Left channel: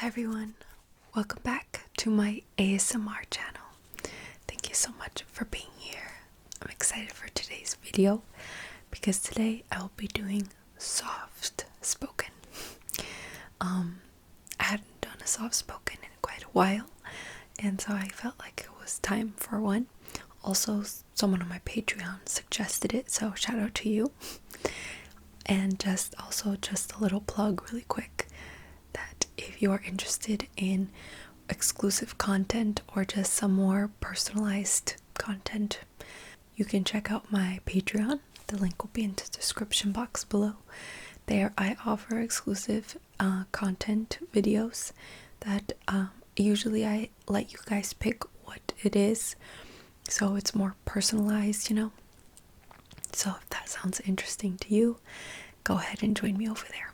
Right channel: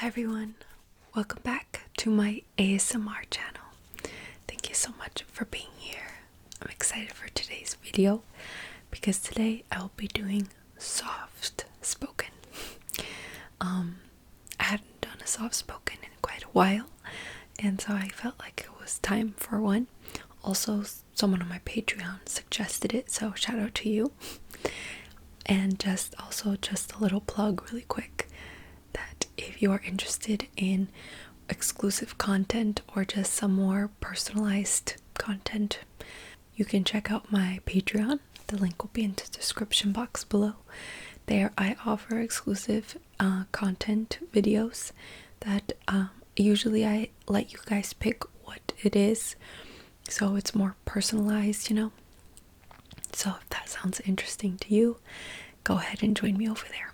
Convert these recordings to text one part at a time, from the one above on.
Hi everyone, welcome back to my ASMR channel. Thank you so much for being here. I'm excited for today's video because today I'll be doing soft spoken. I hadn't done a soft spoken in quite a while, and so I felt like it was time for one. Also, someone on my Patreon suggested it, so shout out to you. And just a little plug really quick that if you are interested in exclusive content or just some more personalized content, you can check out my Patreon. The link will be in the description box below. There I offer exclusive content videos that usually I let you guys pick what it is, so it's more personalized, So if that sounds interesting to you, go ahead and join me over there.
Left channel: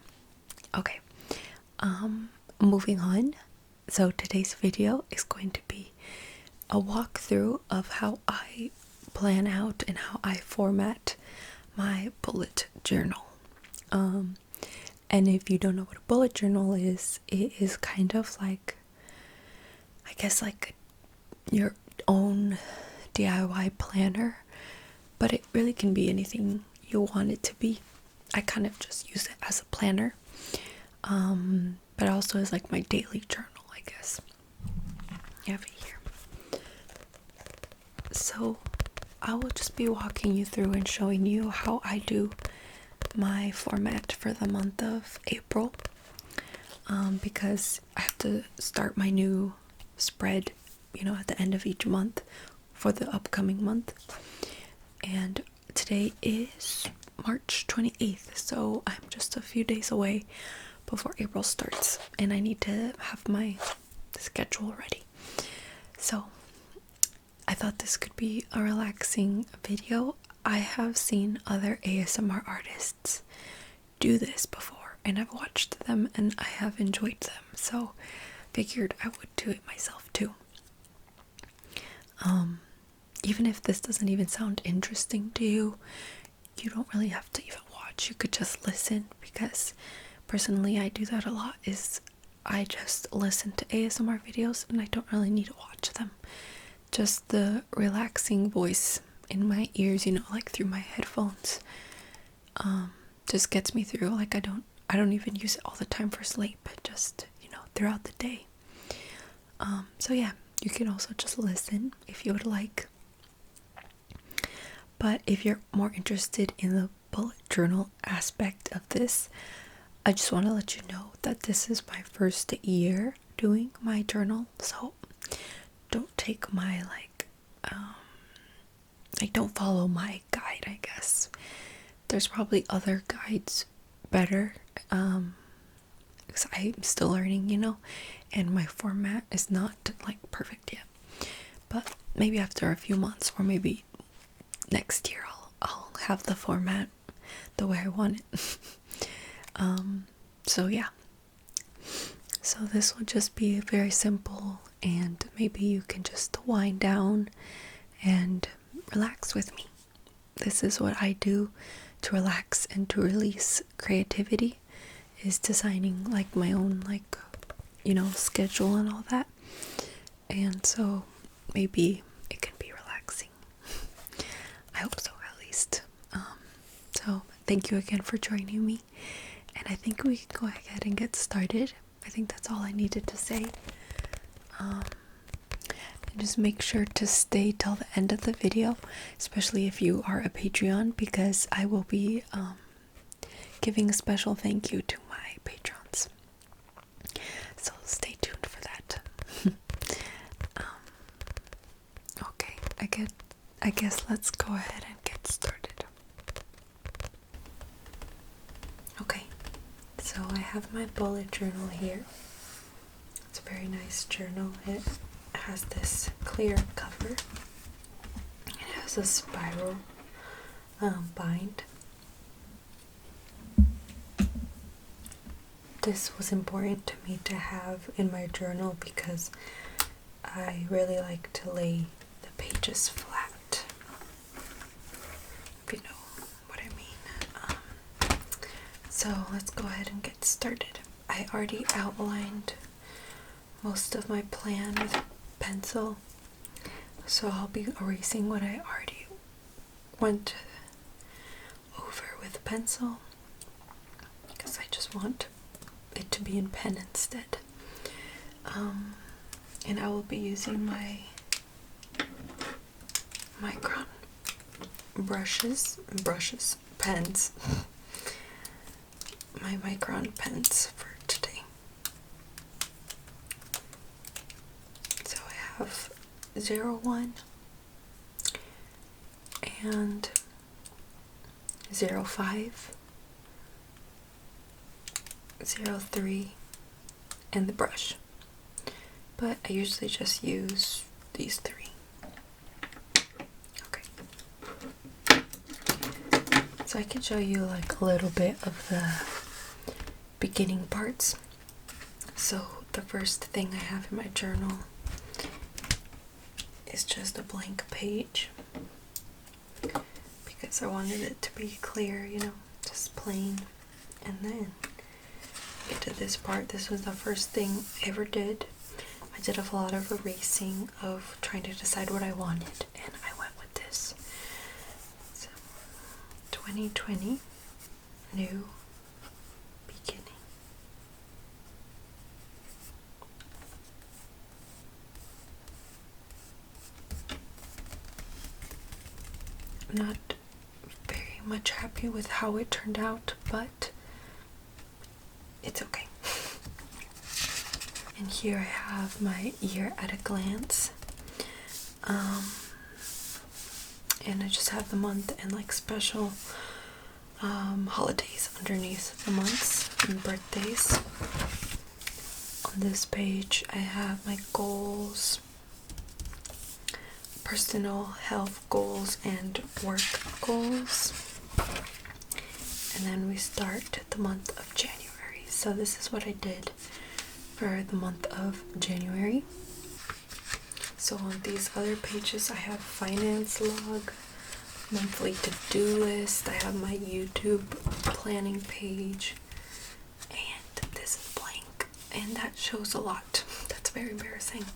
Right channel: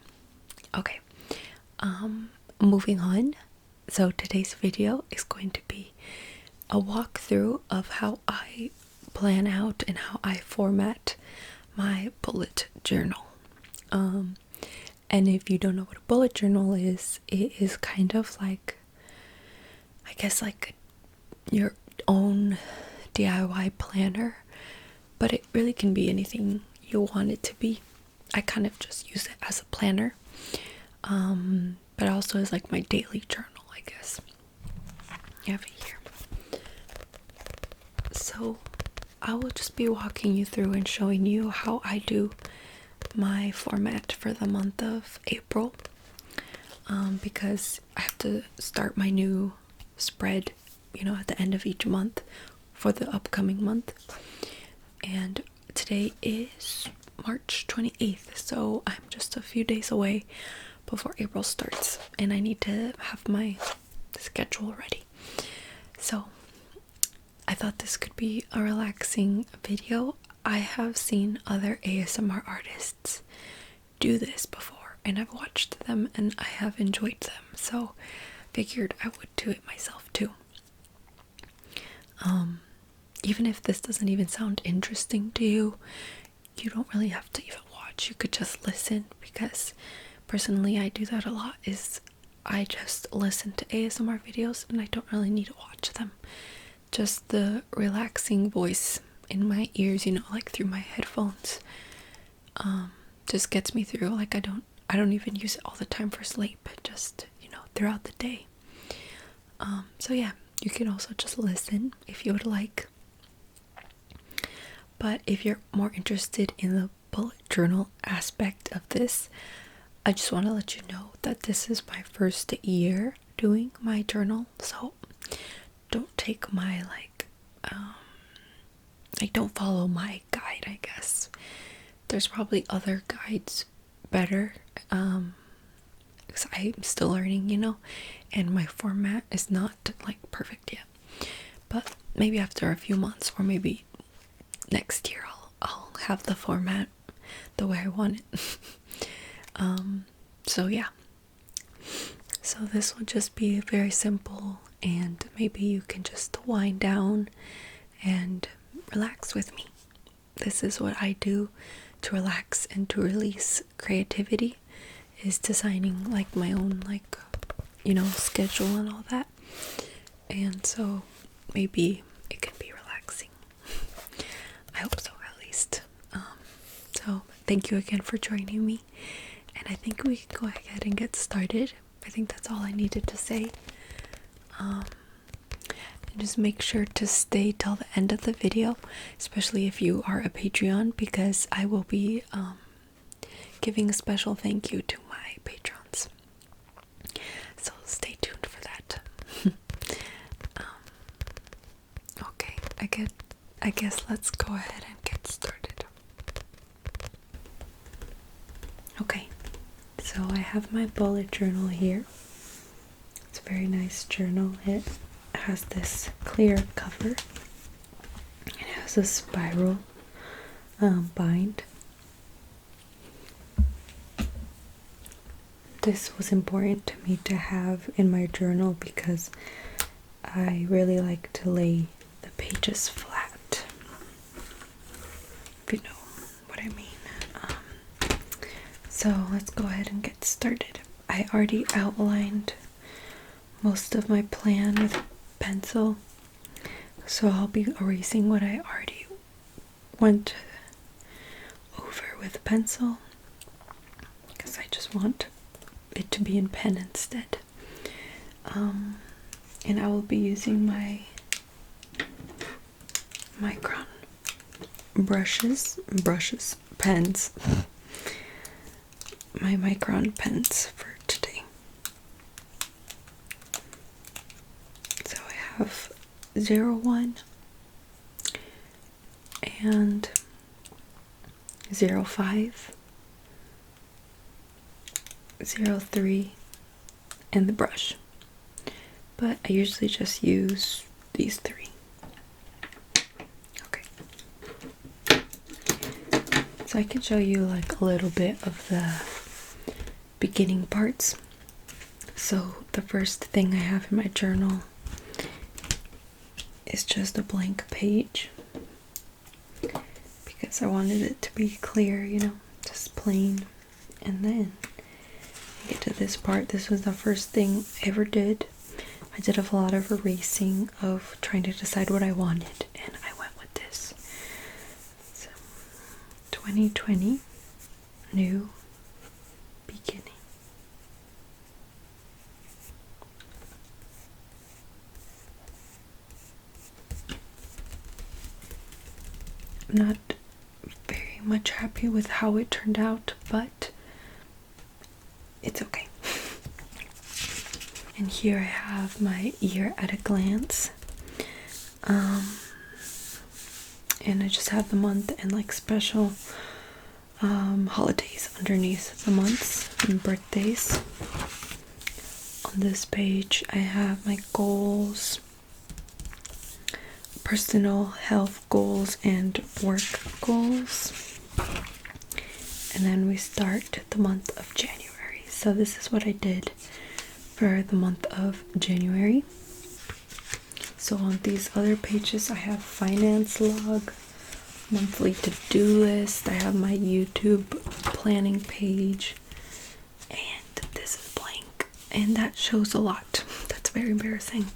Okay, moving on. So today's video is going to be a walkthrough of how I plan out and how I format my bullet journal. And if you don't know what a bullet journal is, it is kind of like, I guess, like your own DIY planner, but it really can be anything you want it to be. I kind of just use it as a planner, but also as like my daily journal, I guess. You have it here. So I will just be walking you through and showing you how I do my format for the month of April, because I have to start my new spread, at the end of each month for the upcoming month. And today is March 28th, so I'm just a few days away before April starts, and I need to have my schedule ready. So I thought this could be a relaxing video. I have seen other ASMR artists do this before, and I've watched them and I have enjoyed them, so figured I would do it myself too. Even if this doesn't even sound interesting to you, you don't really have to even watch. You could just listen, because personally I do that a lot. Is I just listen to ASMR videos and I don't really need to watch them. Just the relaxing voice in my ears, like through my headphones, just gets me through. Like I don't even use it all the time for sleep, just throughout the day. So yeah, you can also just listen if you would like. But if you're more interested in the bullet journal aspect of this, I just want to let you know that this is my first year doing my journal, so don't take my don't follow my guide, I guess. There's probably other guides better, because I'm still learning, and my format is not perfect yet. But maybe after a few months, or maybe next year, I'll have the format the way I want it. So yeah. So this will just be very simple, and maybe you can just wind down and relax with me. This is what I do to relax and to release creativity, is designing my own schedule and all that. And so maybe it can be relaxing. I hope so, at least. So thank you again for joining me, and I think we can go ahead and get started. I think that's all I needed to say. And just make sure to stay till the end of the video, especially if you are a Patreon, because I will be giving a special thank you to my patrons. So stay tuned for that. Okay, I guess let's go ahead and get started. Okay, so I have my bullet journal here. It's a very nice journal. It has this clear cover. It has a spiral bind. This was important to me to have in my journal because I really like to lay the pages flat, if you know what I mean. So let's go ahead and get started. I already outlined most of my plan with pencil, so I'll be erasing what I already went over with pencil, because I just want it to be in pen instead. And I will be using my micron pens, my micron pens for today. So I have 01 and 05, 03, and the brush. But I usually just use these three. Okay. So I can show you like a little bit of the beginning parts. So the first thing I have in my journal is just a blank page, because I wanted it to be clear, you know, just plain. And then I get to this part. This was the first thing I ever did. I did a lot of erasing, of trying to decide what I wanted, and I went with this. So, 2020, new beginning. I'm not very much happy with how it turned out, but it's okay. And here I have my year at a glance. And I just have the month and like special holidays underneath the months and birthdays. On this page I have my goals, personal health goals and work goals. And then we start the month of January. So this is what I did for the month of January. So on these other pages I have finance log, monthly to-do list, I have my YouTube planning page, and this is blank, and that shows a lot. That's very embarrassing.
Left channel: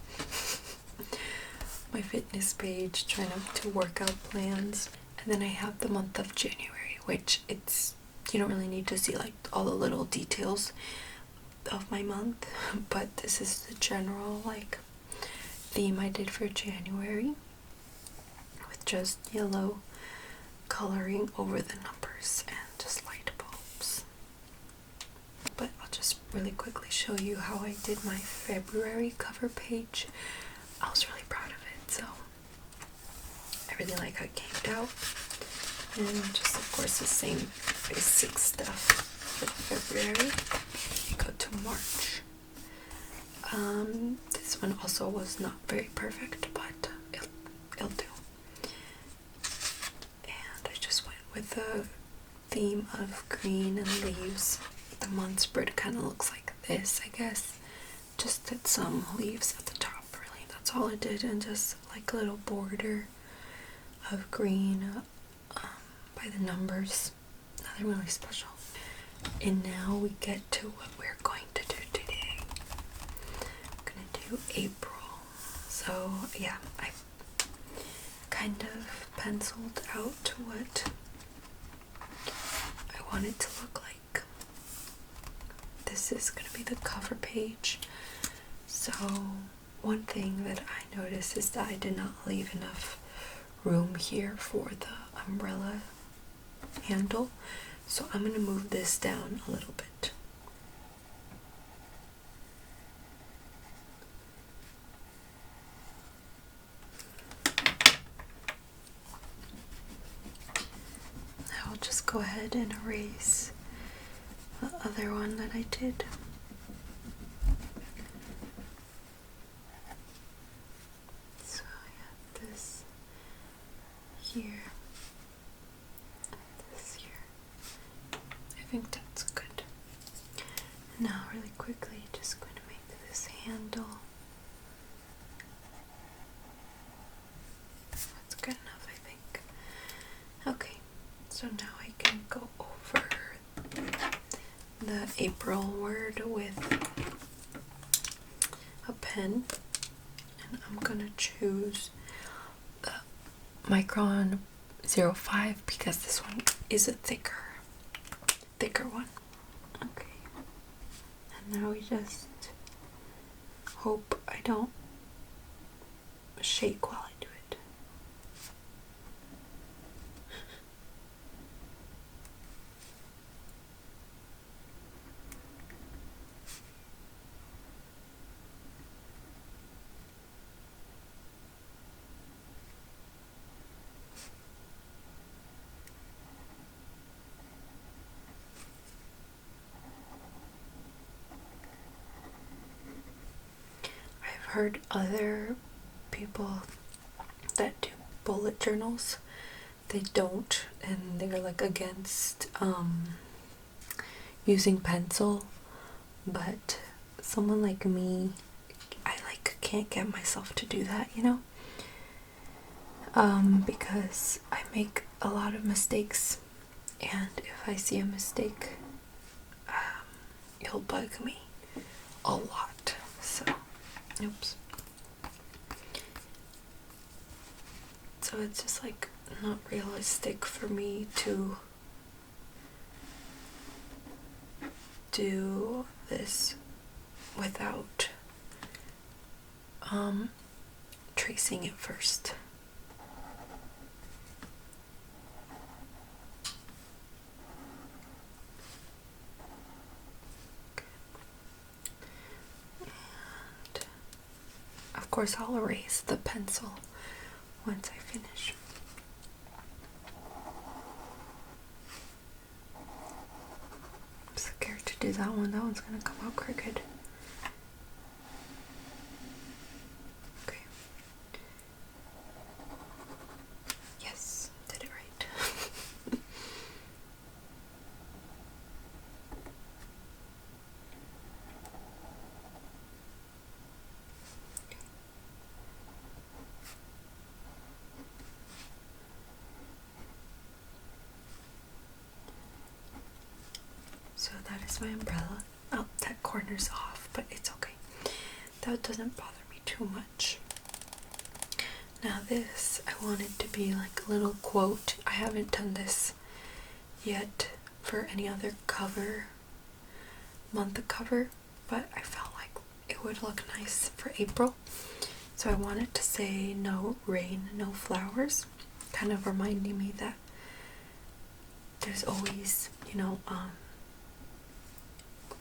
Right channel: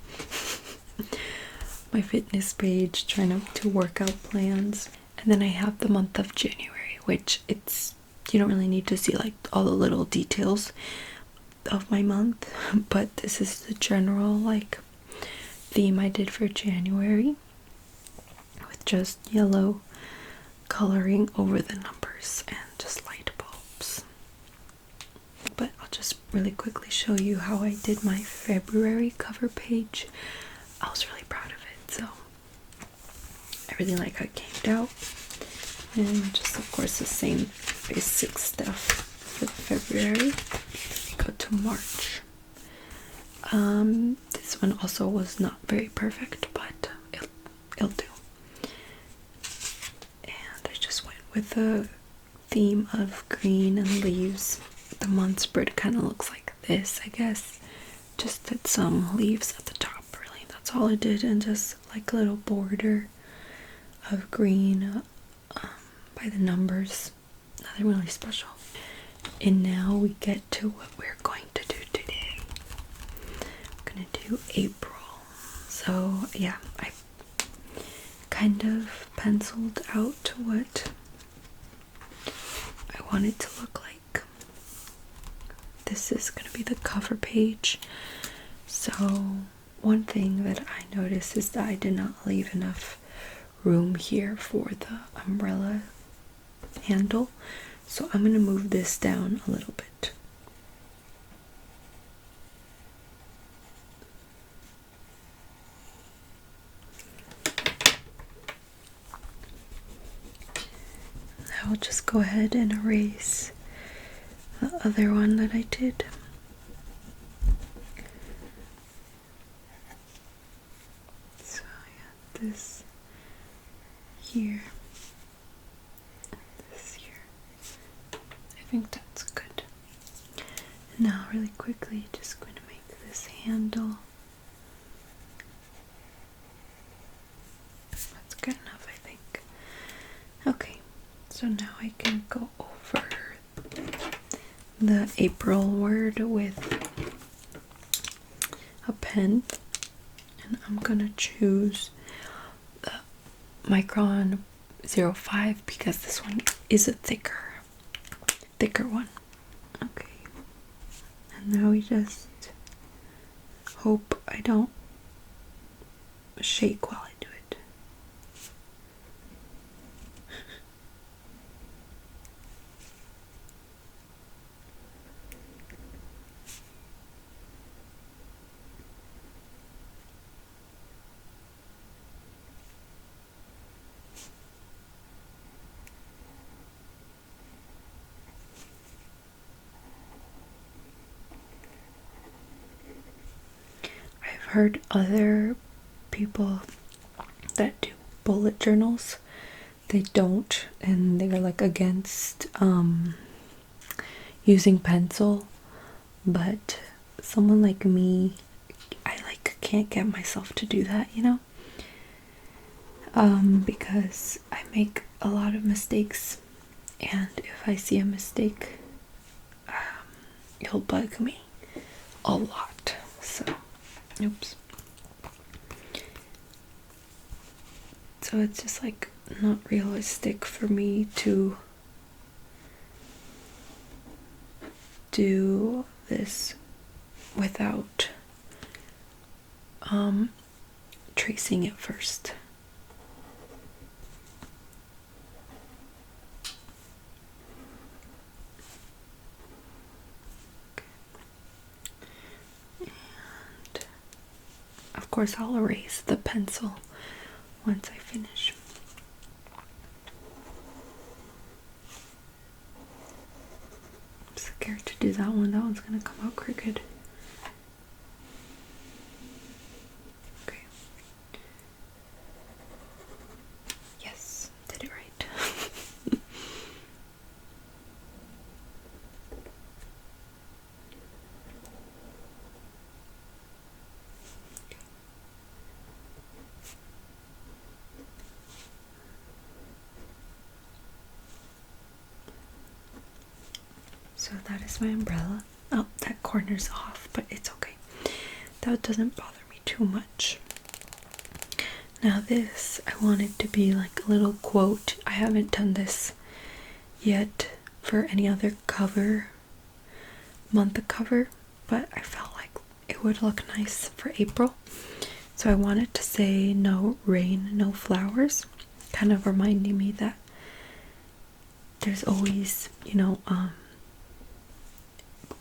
My fitness page, trying to work out plans. And then I have the month of January, which you don't really need to see like all the little details of my month, but this is the general like theme I did for January, with just yellow coloring over the numbers and just light bulbs. But I'll just really quickly show you how I did my February cover page. I was really proud of it, so I really like how it came out. And just of course the same basic stuff for February. Go to March. This one also was not very perfect, but it'll do. And I just went with the theme of green and leaves. The month spread kind of looks like this, I guess. Just did some leaves at the top, really. That's all I did, and just like a little border of green by the numbers. Nothing really special. And now we get to what we're going to do today. I'm gonna do April. So yeah, I kind of penciled out what I want it to look like. This is gonna be the cover page. So one thing that I noticed is that I did not leave enough room here for the umbrella handle. So I'm going to move this down a little bit. I'll just go ahead and erase the other one that I did. So I got this here. I think that's good. Now really quickly, just going to make this handle. That's good enough, I think. Okay, so now I can go over the April word with a pen, and I'm gonna choose the Micron 05 because this one is a thicker one. Okay, and now we just hope I don't shake while I do it. I've heard other people that do bullet journals, they don't, and they're like against using pencil, but someone like me, I like can't get myself to do that, you know, because I make a lot of mistakes, and if I see a mistake, it'll bug me a lot. So oops. So it's just like not realistic for me to do this without tracing it first. Okay. And of course I'll erase the pencil once I finish. I'm scared to do that one. That one's gonna come out crooked. Okay. Yes, did it right. So that is my umbrella. Oh, that corner's off, but it's okay. That doesn't bother me too much. Now this, I want it to be like a little quote. I haven't done this yet for any other month cover, but I felt like it would look nice for April. So I wanted to say no rain, no flowers, kind of reminding me that there's always,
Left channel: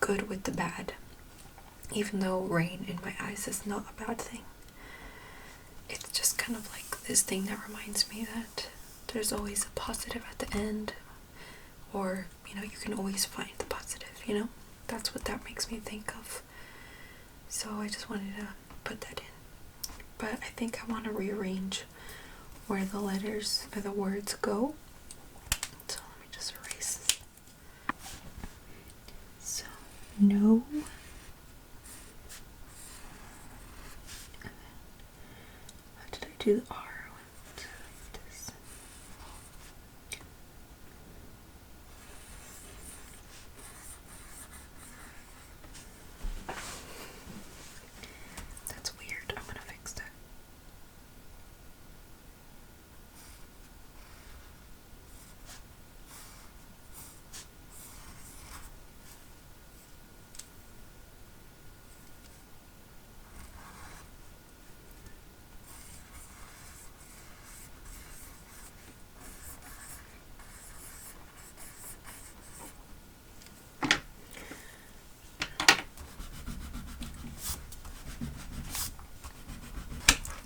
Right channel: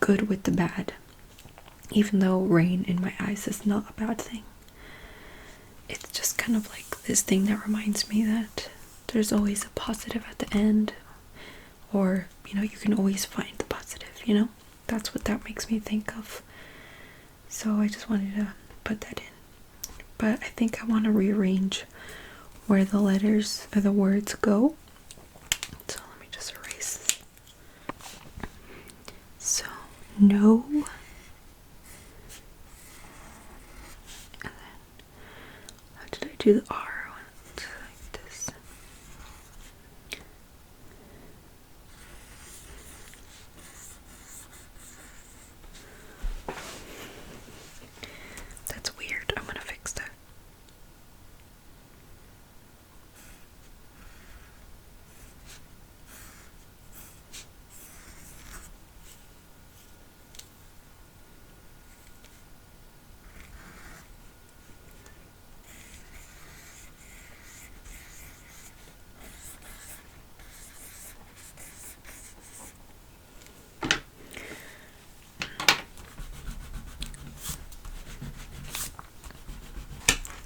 good with the bad. Even though rain in my eyes is not a bad thing, it's just kind of like this thing that reminds me that there's always a positive at the end, or you can always find the positive. That's what that makes me think of. So I just wanted to put that in, but I think I want to rearrange where the letters or the words go. So let me just erase this. So no, and then how did I do the R? Like this. That's weird. I'm gonna fix that.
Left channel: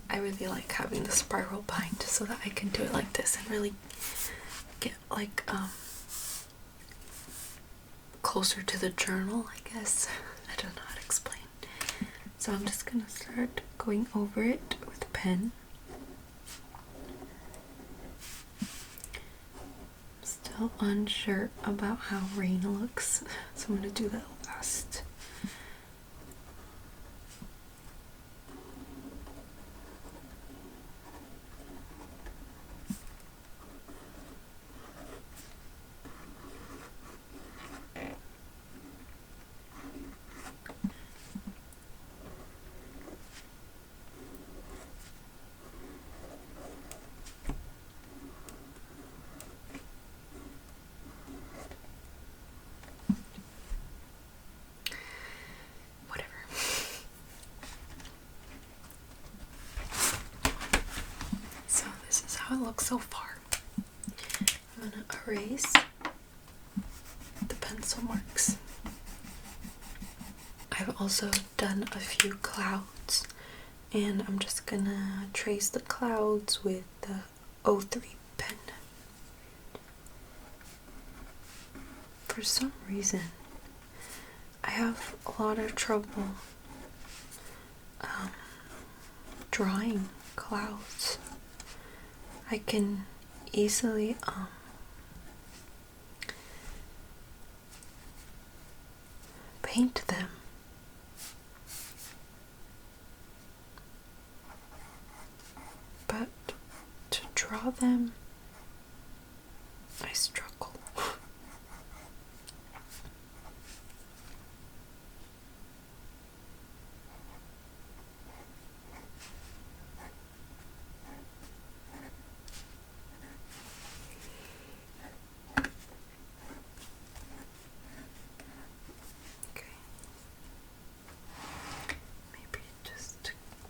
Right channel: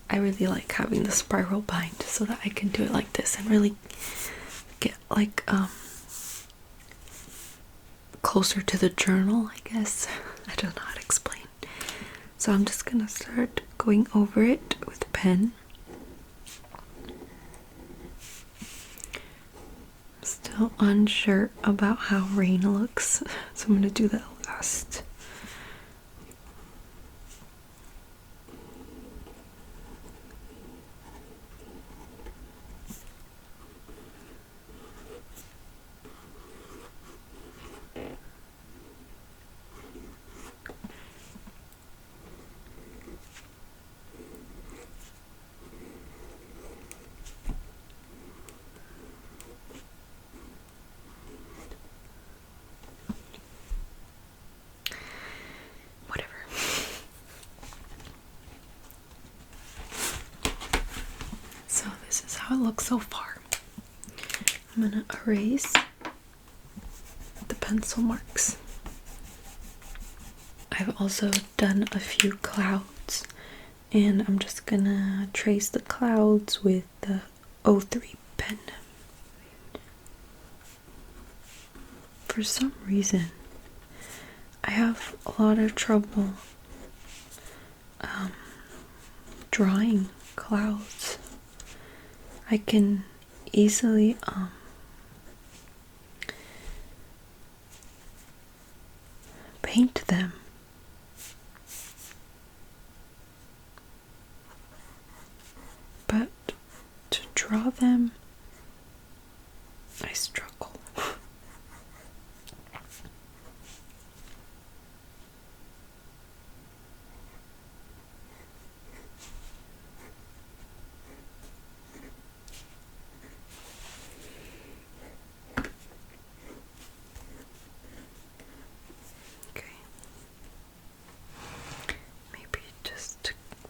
I really like having the spiral bind so that I can do it like this and really get like closer to the journal, I guess. I don't know how to explain. So I'm just gonna start going over it with a pen. Still unsure about how rain looks, so I'm gonna do that last. looks so far. I'm gonna erase the pencil marks. I've also done a few clouds, and I'm just gonna trace the clouds with the 03 pen. For some reason, I have a lot of trouble drawing clouds. I can easily paint them, but to draw them, I struggle.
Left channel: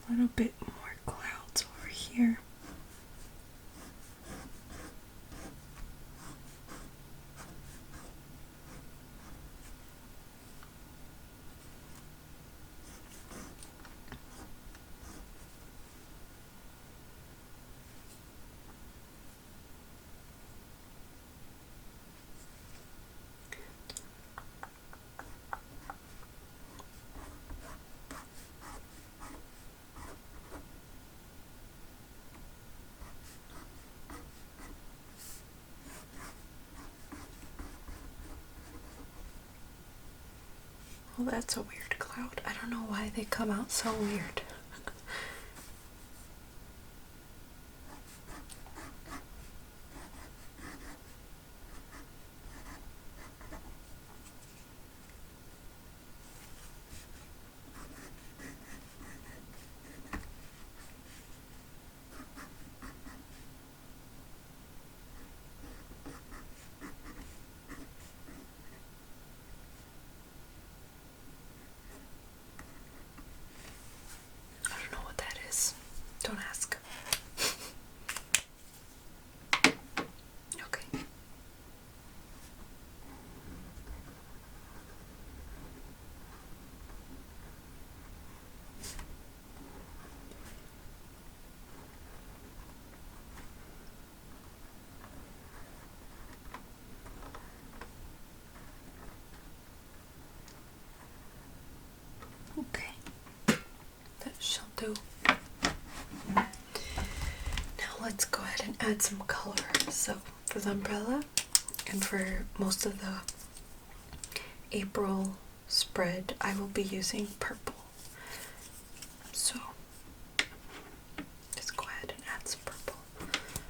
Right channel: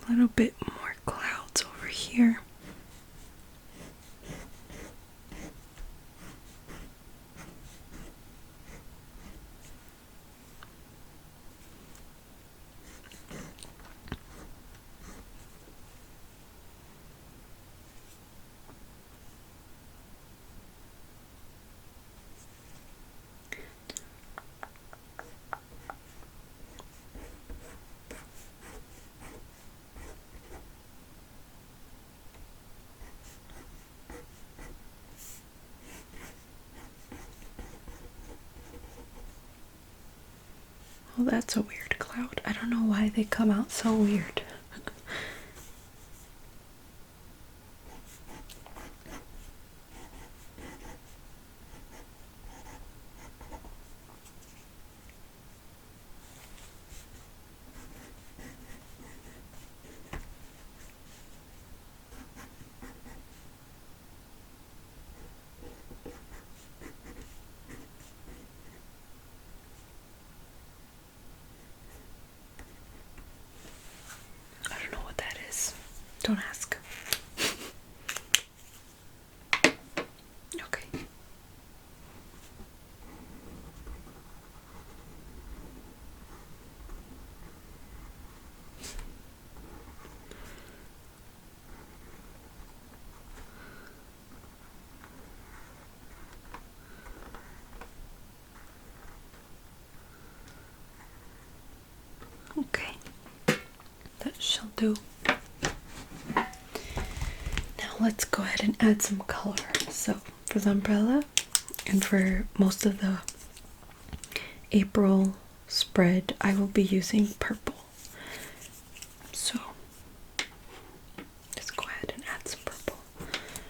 A little bit more clouds over here. Well, that's a weird cloud. I don't know why they come out so weird. Don't ask. Okay. Okay. That shall do. Let's go ahead and add some color. So for the umbrella and for most of the April spread, I will be using purple. So let's go ahead and add some purple.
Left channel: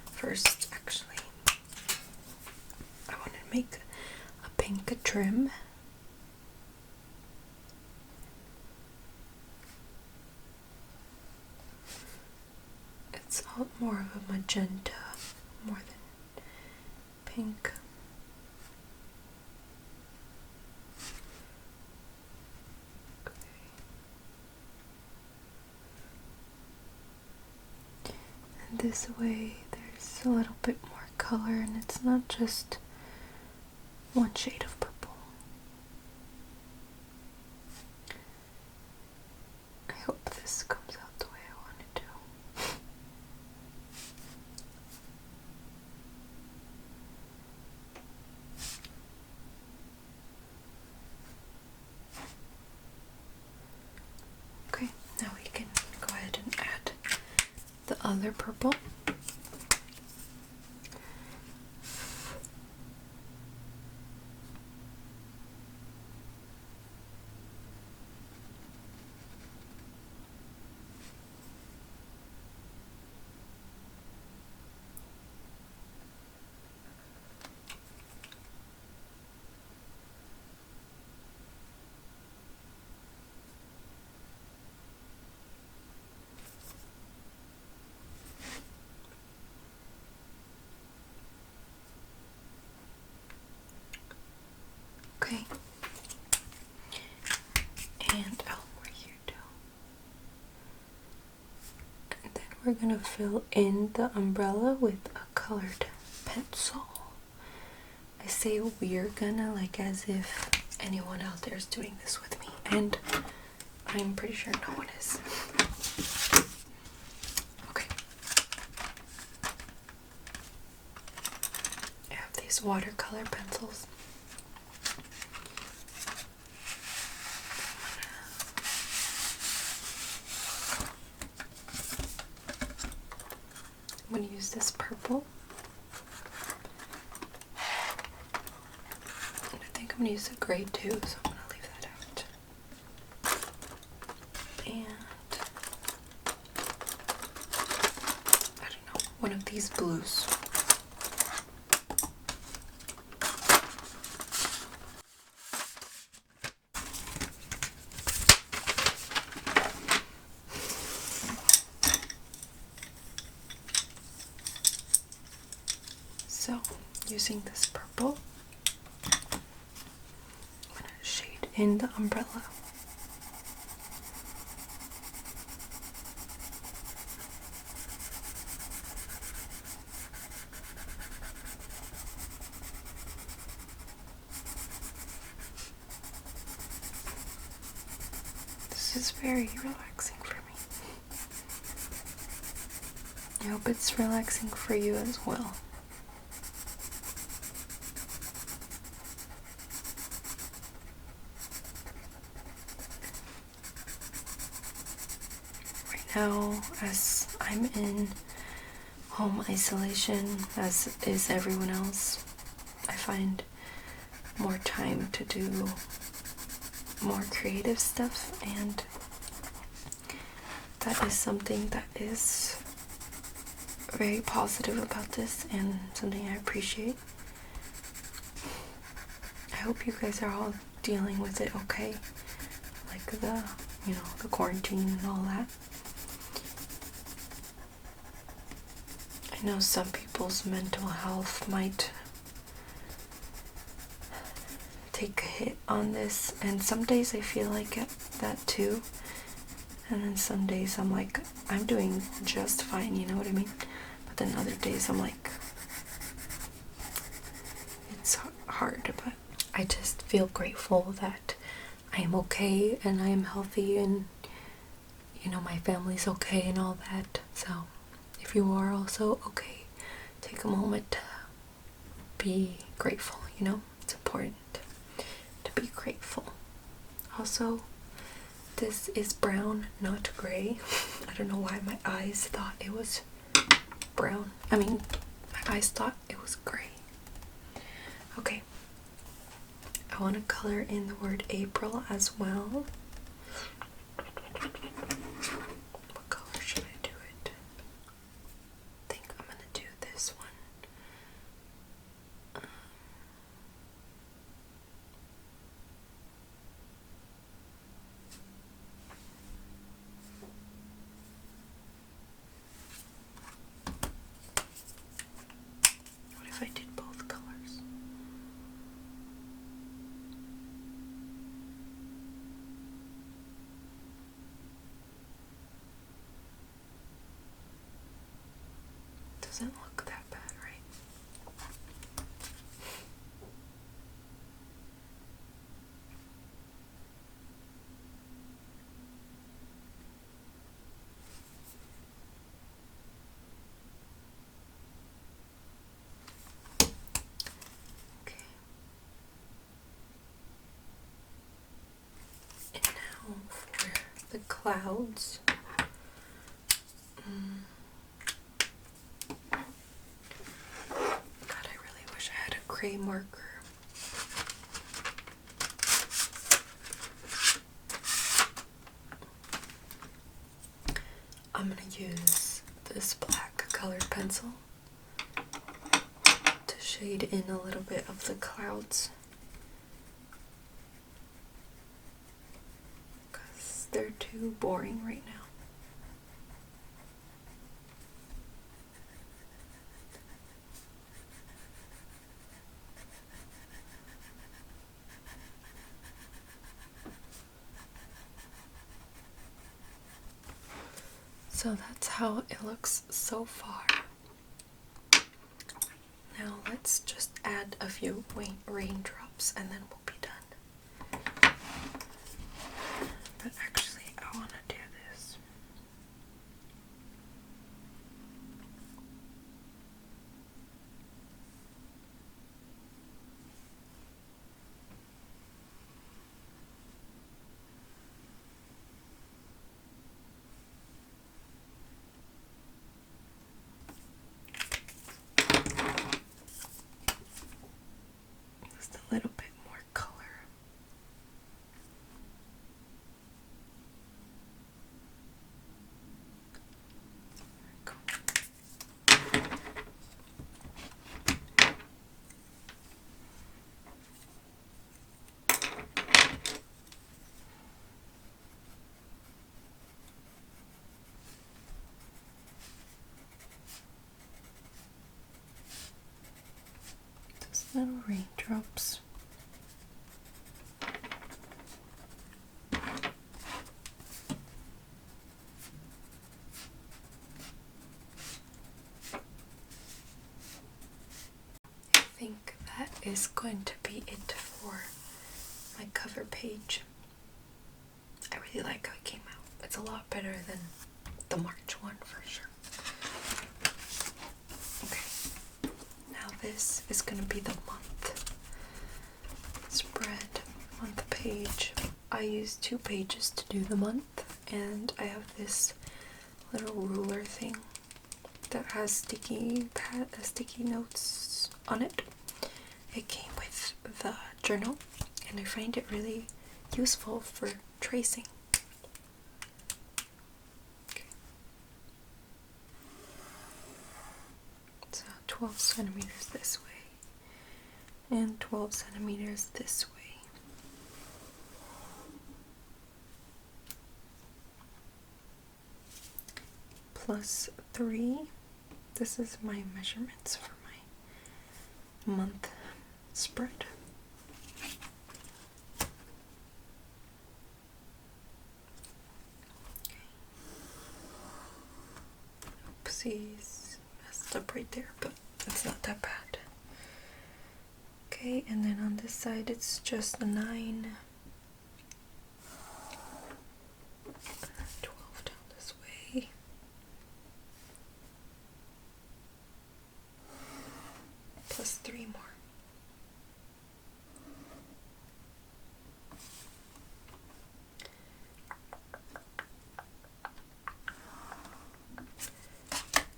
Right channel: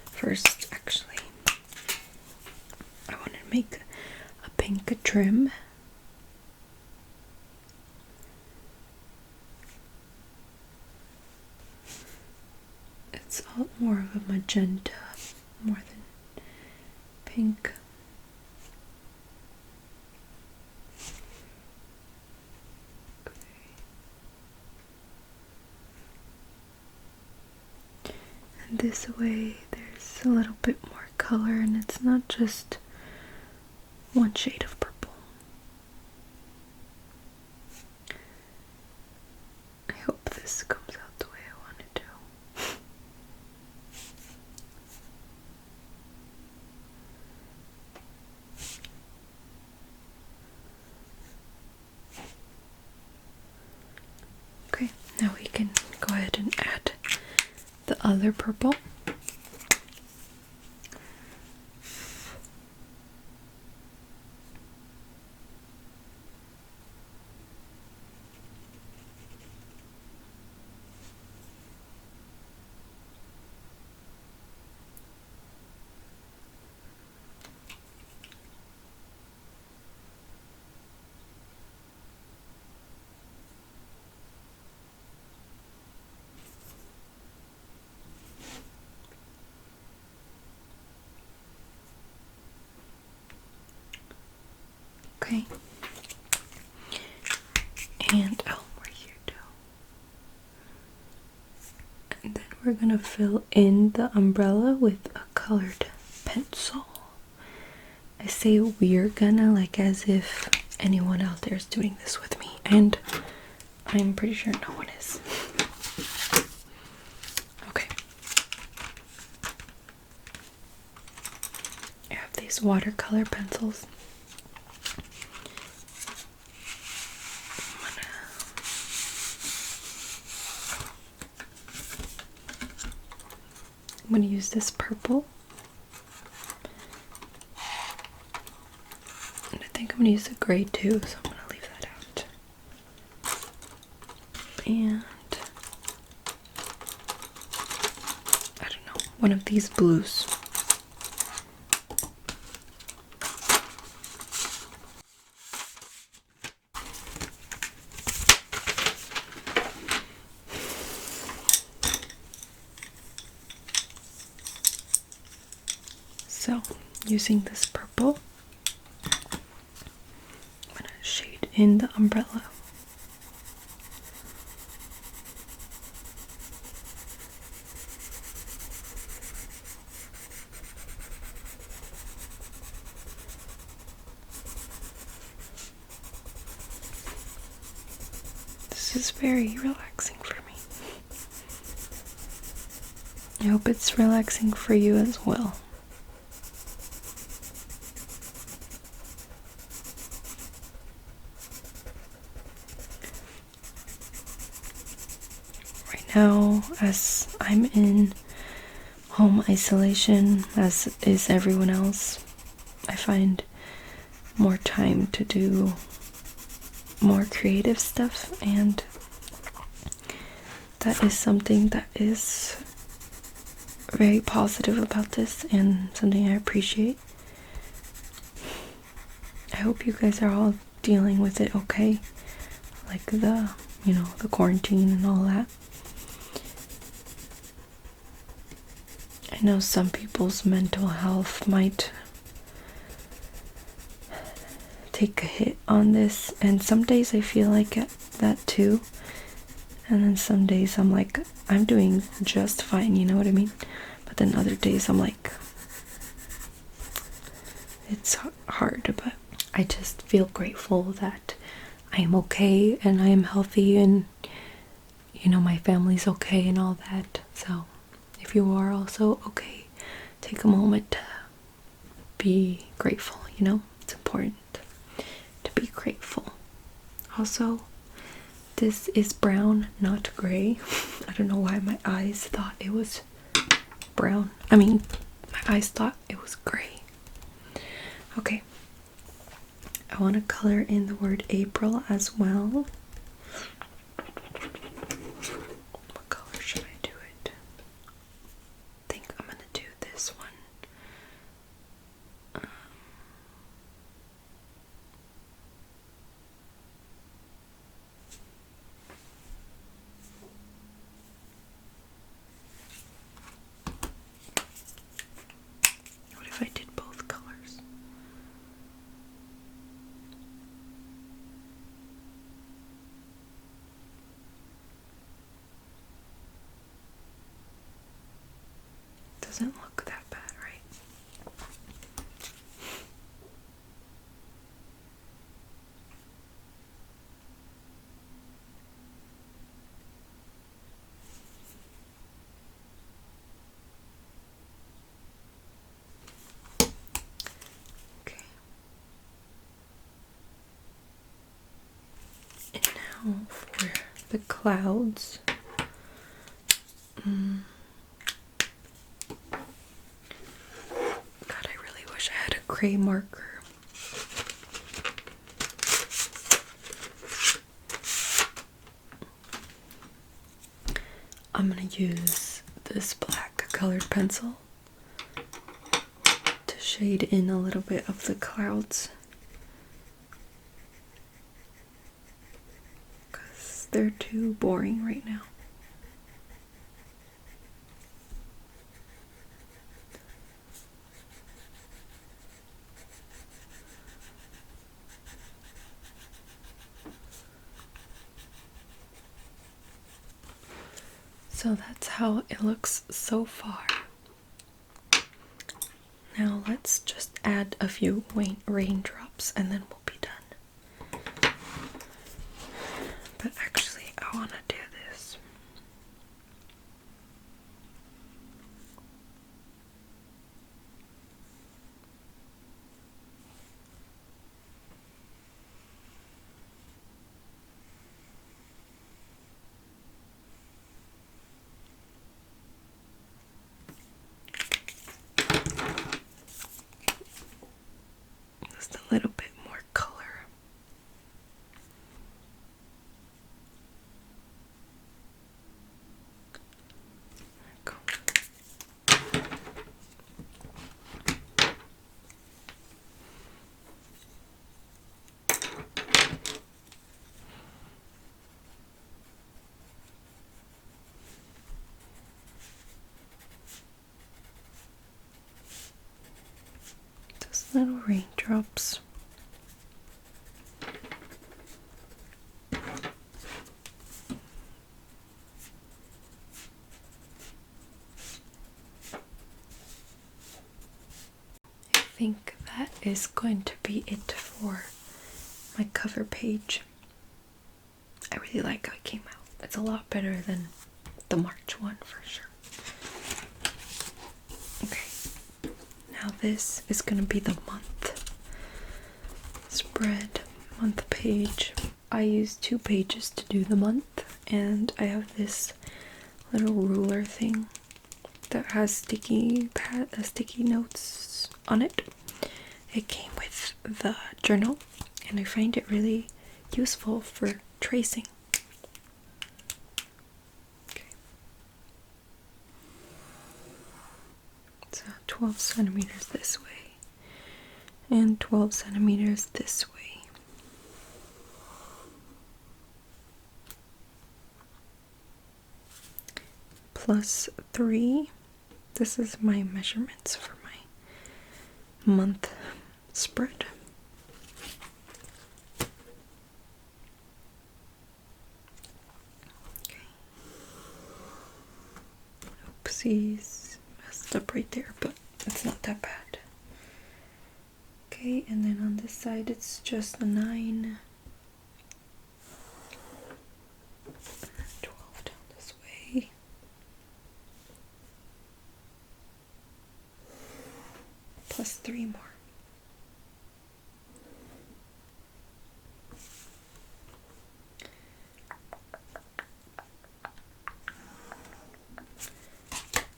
First, actually, I want to make a pink trim. More of a magenta, more than pink. Okay. And this way there's a little bit more color, and it's not just one shade of purple. I hope this comes out the way I want it to. Okay, now we can go ahead and add the other purple. Okay, and we're here too. And then we're gonna fill in the umbrella with a colored pencil. I say we're gonna like as if anyone out there is doing this with me, and I'm pretty sure no one is. Okay. I have these watercolor pencils. I'm gonna use this purple. And I think I'm gonna use the gray too, so I'm gonna leave that out. And I don't know, one of these blues. So, using this purple, I'm going to shade in the umbrella. This is very relaxing for me. I hope it's relaxing for you as well. Now, as I'm in home isolation, as is everyone else, I find more time to do more creative stuff, and that is something that is very positive about this and something I appreciate. I hope you guys are all dealing with it okay, like the quarantine and all that. I know some people's mental health might take a hit on this, and some days I feel like that too, and then some days I'm like, I'm doing just fine, you know what I mean? But then other days I'm like, it's hard, but I just feel grateful that I am okay and I am healthy, and my family's okay and all that. So if you are also okay, take a moment to be grateful, it's important to be grateful. Also, this is brown, not gray. I don't know why my eyes thought it was brown. My eyes thought it was gray. Okay. I want to color in the word April as well. What color should I do it? I think I'm going to do this one. What if I did both colors? Doesn't look that bad, right? Okay. And now for the clouds. God, I really wish I had a gray marker. I'm gonna use this black colored pencil to shade in a little bit of the clouds, because they're too boring right now. So that's how it looks so far. Now let's just add a few raindrops and then we'll be done. But actually, I want to do this. Just a little bit more color. There we go. Just little raindrops. I think that is going to be it for my cover page. I really like how it came out. It's a lot better than the March one for sure. Okay, now this is going to be the month spread, month page. I use 2 pages to do the month, and I have this little ruler thing that has sticky notes on it. It came with the journal, and I find it really useful for tracing. Okay. So 12 centimeters this way, and 12 centimeters this way. Plus 3. This is my measurements for my month spread. Okay. Oopsies, messed up right there, but it's not that bad. Okay, and then on this side it's just a 9. 12 down this way. Plus 3 more.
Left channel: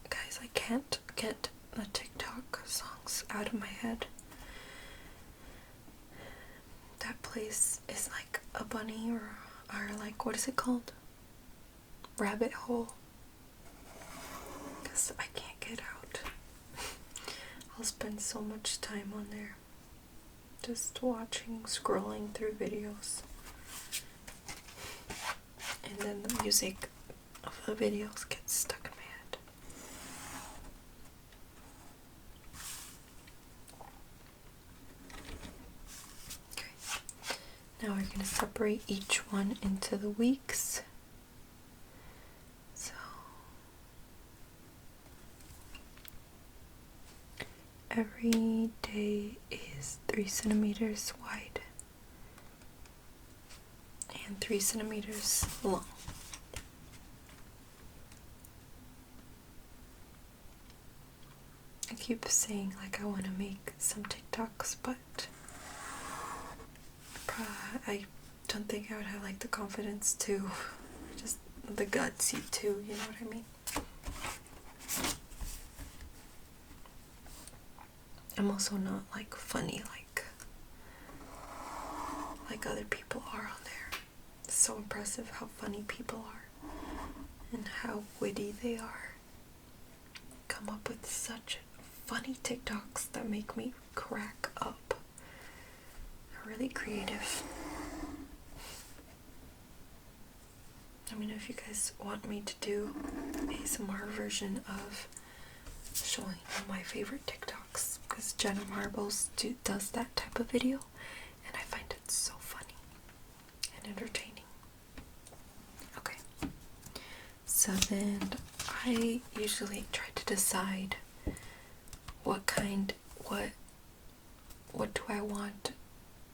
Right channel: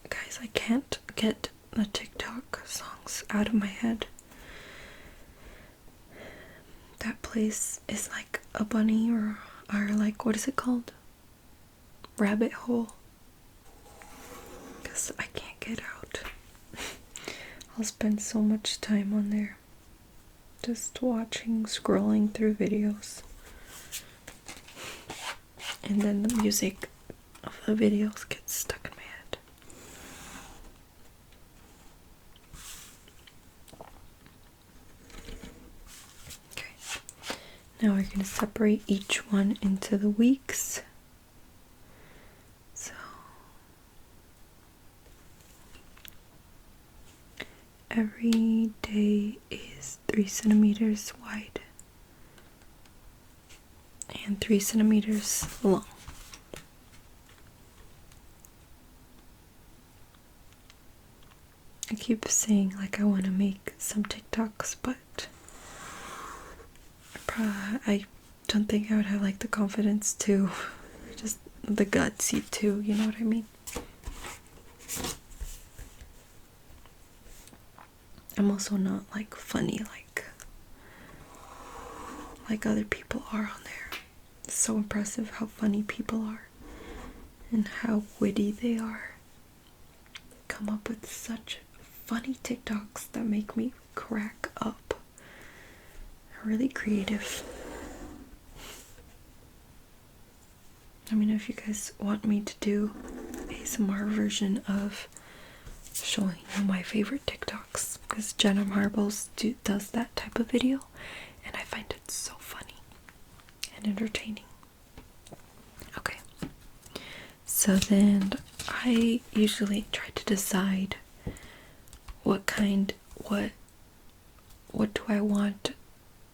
Guys, I can't get the TikTok songs out of my head. That place is like a bunny or like, what is it called? Rabbit hole. Because I can't get out. I'll spend so much time on there. Just watching, scrolling through videos. And then the music of the videos gets stuck in my head. Okay. Now we're going to separate each one into the weeks. So every day is 3 centimeters wide and 3 centimeters long. I keep saying like I want to make some TikToks, but I don't think I would have like the confidence to, just the gutsy to, you know what I mean? I'm also not like funny like other people are on there. It's so impressive how funny people are and how witty they are. Come up with such funny TikToks that make me crack up. They're really creative. Let me know if you guys want me to do ASMR version of showing you my favorite TikToks, because Jenna Marbles does that type of video, and I find it so funny and entertaining. Okay, so then I usually try to decide what kind what do I want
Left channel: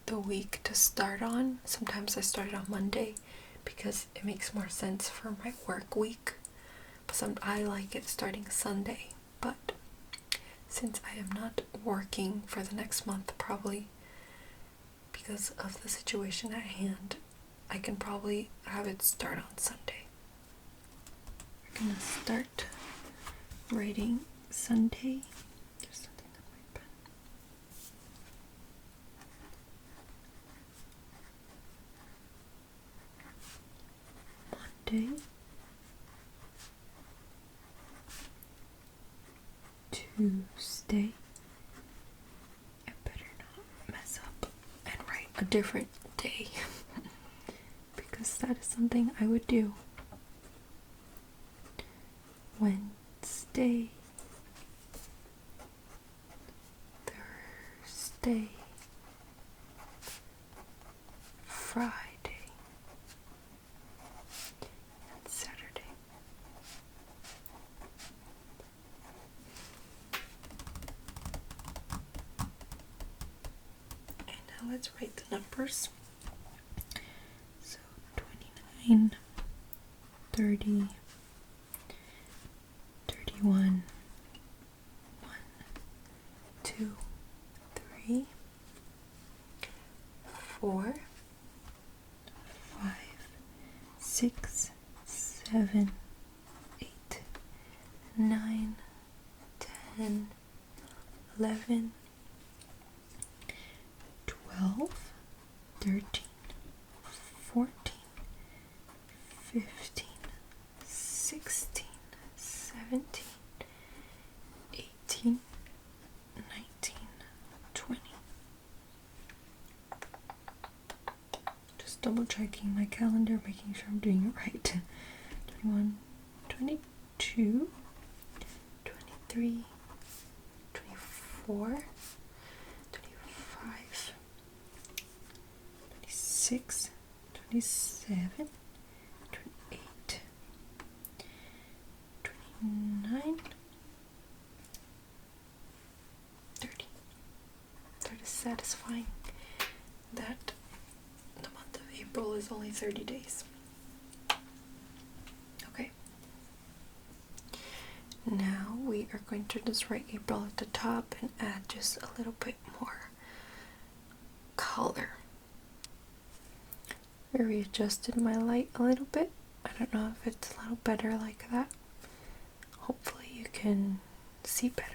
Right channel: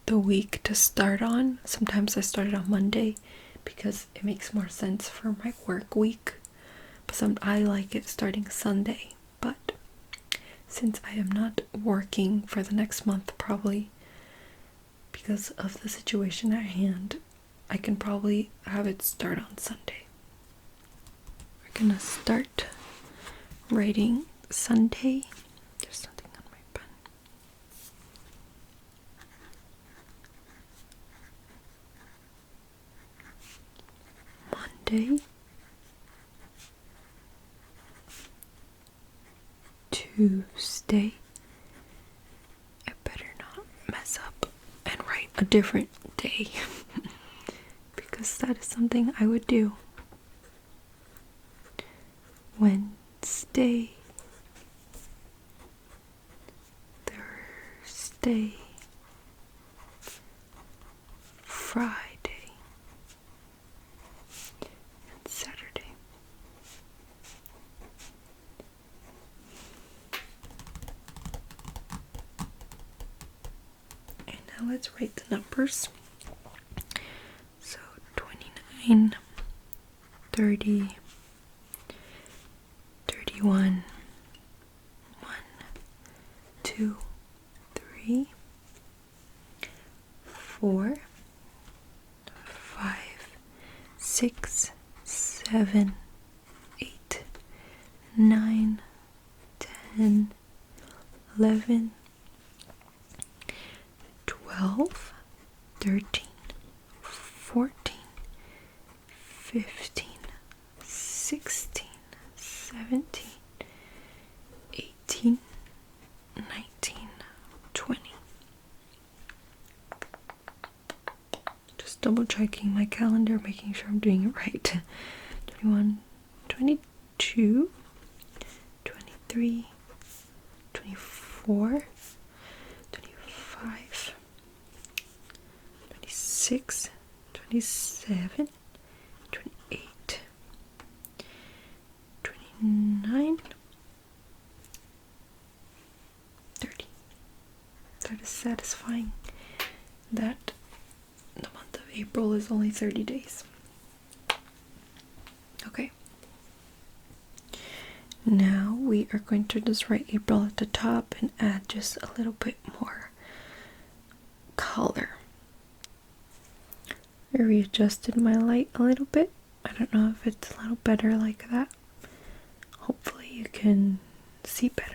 the week to start on. Sometimes I start it on Monday because it makes more sense for my work week. But I like it starting Sunday. But since I am not working for the next month, probably because of the situation at hand, I can probably have it start on Sunday. We're gonna start writing Sunday. There's something on my pen. Monday, Tuesday. I better not mess up and write a different day because that is something I would do. Wednesday, Thursday, Friday, and Saturday. And now let's write the numbers. So 29, 30, 31, 1, 2, 3, 4, 5, 6, 7, 8, 9, 10, 11, 12, 13, 14, 15, 16, 17, 18, 19, 20. Just double checking my calendar, making sure I'm doing it right. 21, 22, 23, 24, 25, 26, 27, 28, 29, 30. That is satisfying that the month of April is only 30 days. Okay. Now we are going to just write April at the top and add just a little bit more color. I readjusted my light a little bit. I don't know if it's a little better like that. Hopefully you can see better.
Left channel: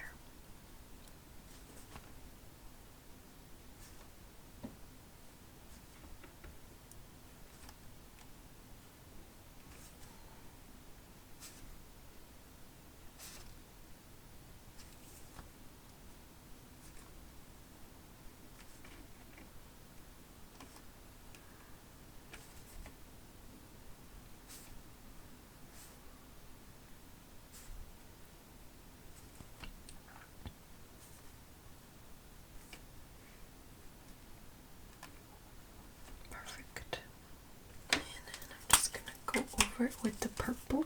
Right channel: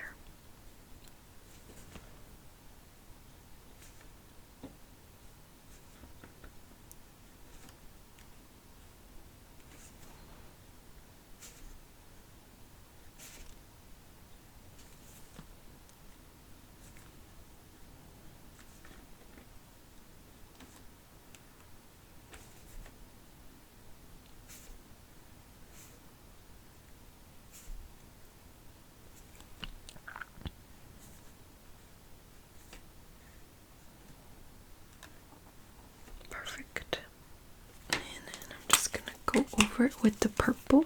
Perfect. And then I'm just gonna go over it with the purple.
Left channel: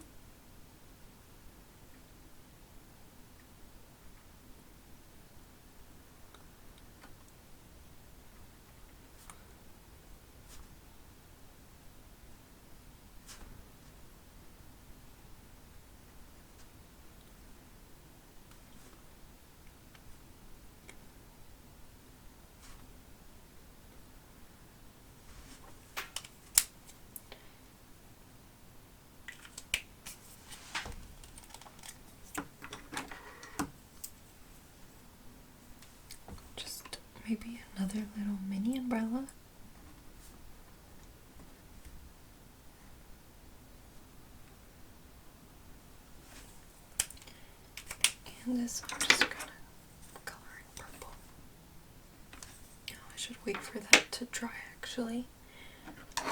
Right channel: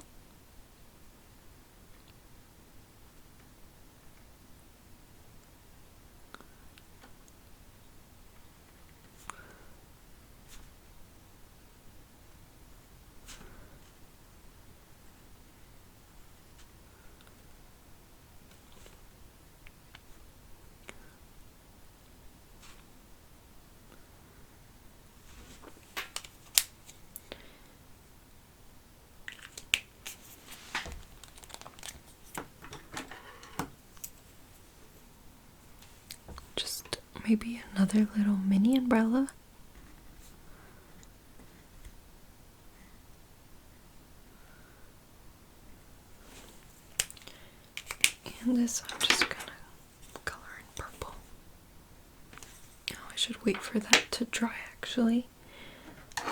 Maybe another little mini umbrella. And this I'm just gonna color in purple. Oh, I should wait for that to dry actually.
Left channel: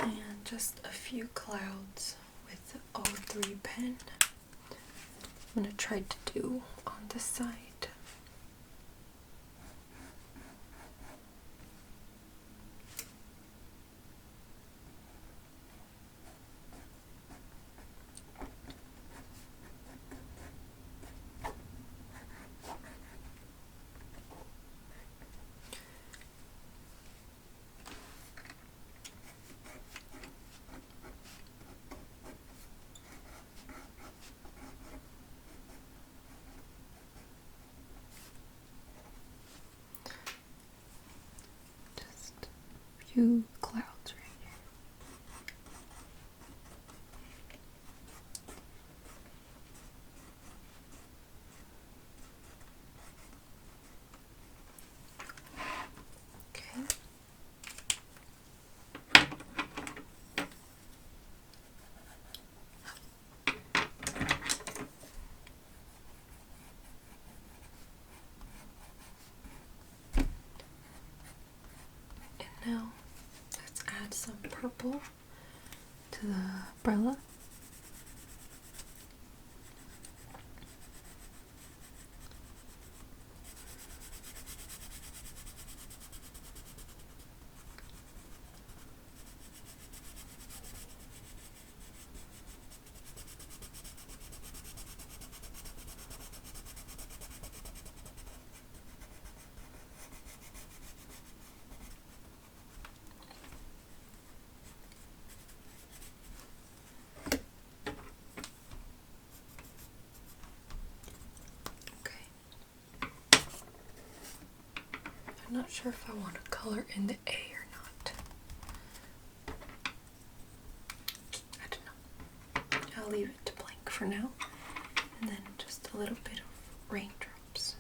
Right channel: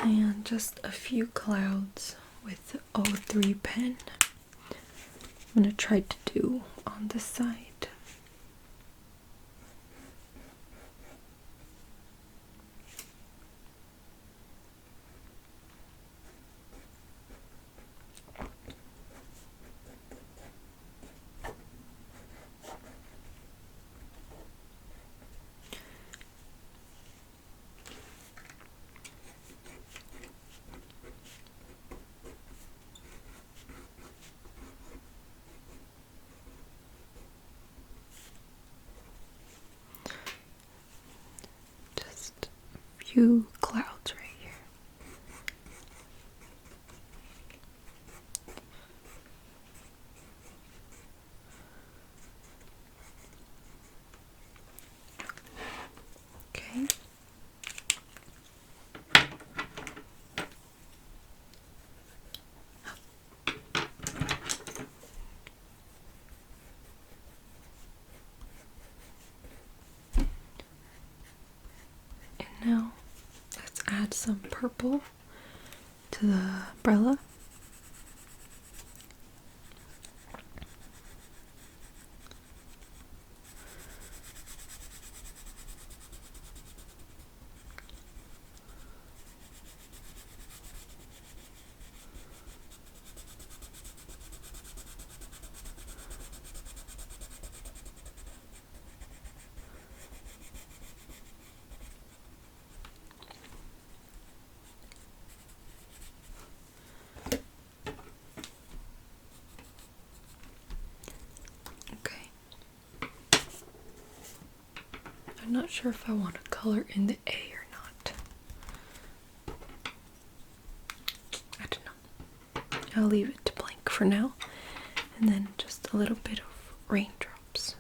And just a few clouds with the 03 pen. I'm gonna try to do on this side. two clouds right here. Okay. Now, let's add some purple to the umbrella. I'm not sure if I want to color in the A or not. I don't know. I'll leave it blank for now. And then just a little bit of raindrops.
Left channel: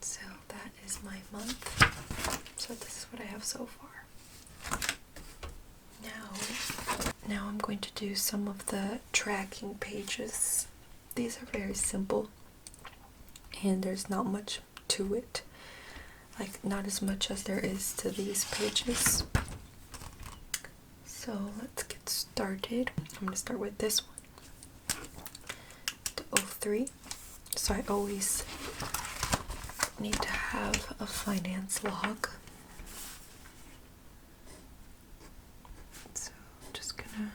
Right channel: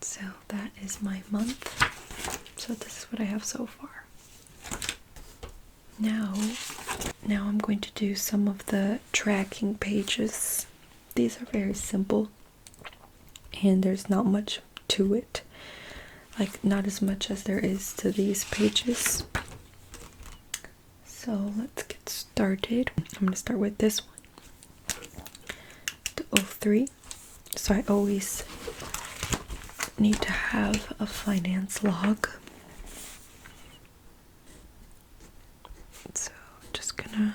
So that is my month. So this is what I have so far. Now I'm going to do some of the tracking pages. These are very simple and there's not much to it. Like, not as much as there is to these pages. So let's get started. I'm going to start with this one. The 03. So I always need to have a finance log. So I'm just gonna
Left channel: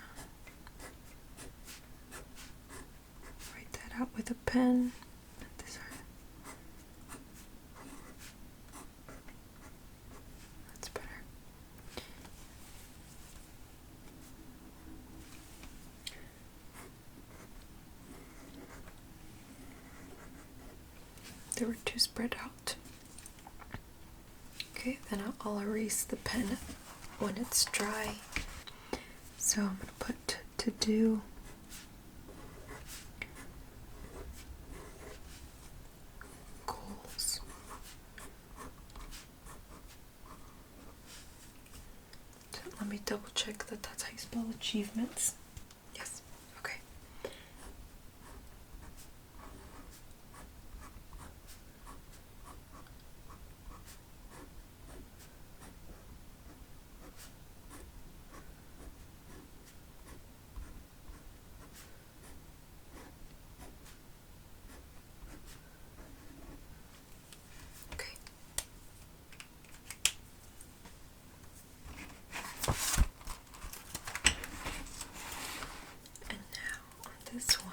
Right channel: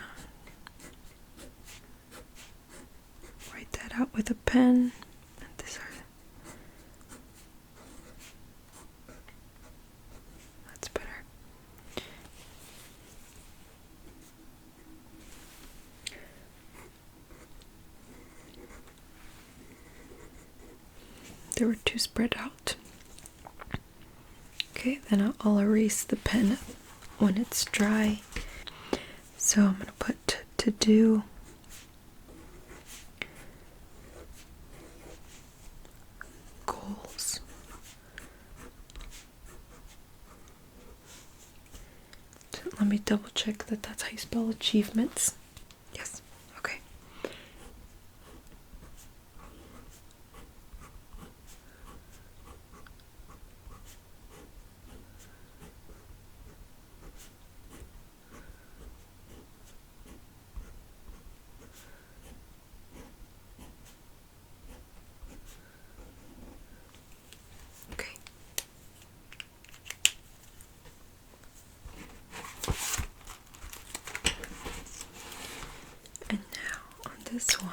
write that out with a pen. That's better. They were too spread out. Okay, then I'll erase the pen when it's dry. So I'm going to put to do goals. So let me double check that that's how you spell achievements. Yes, okay. This one,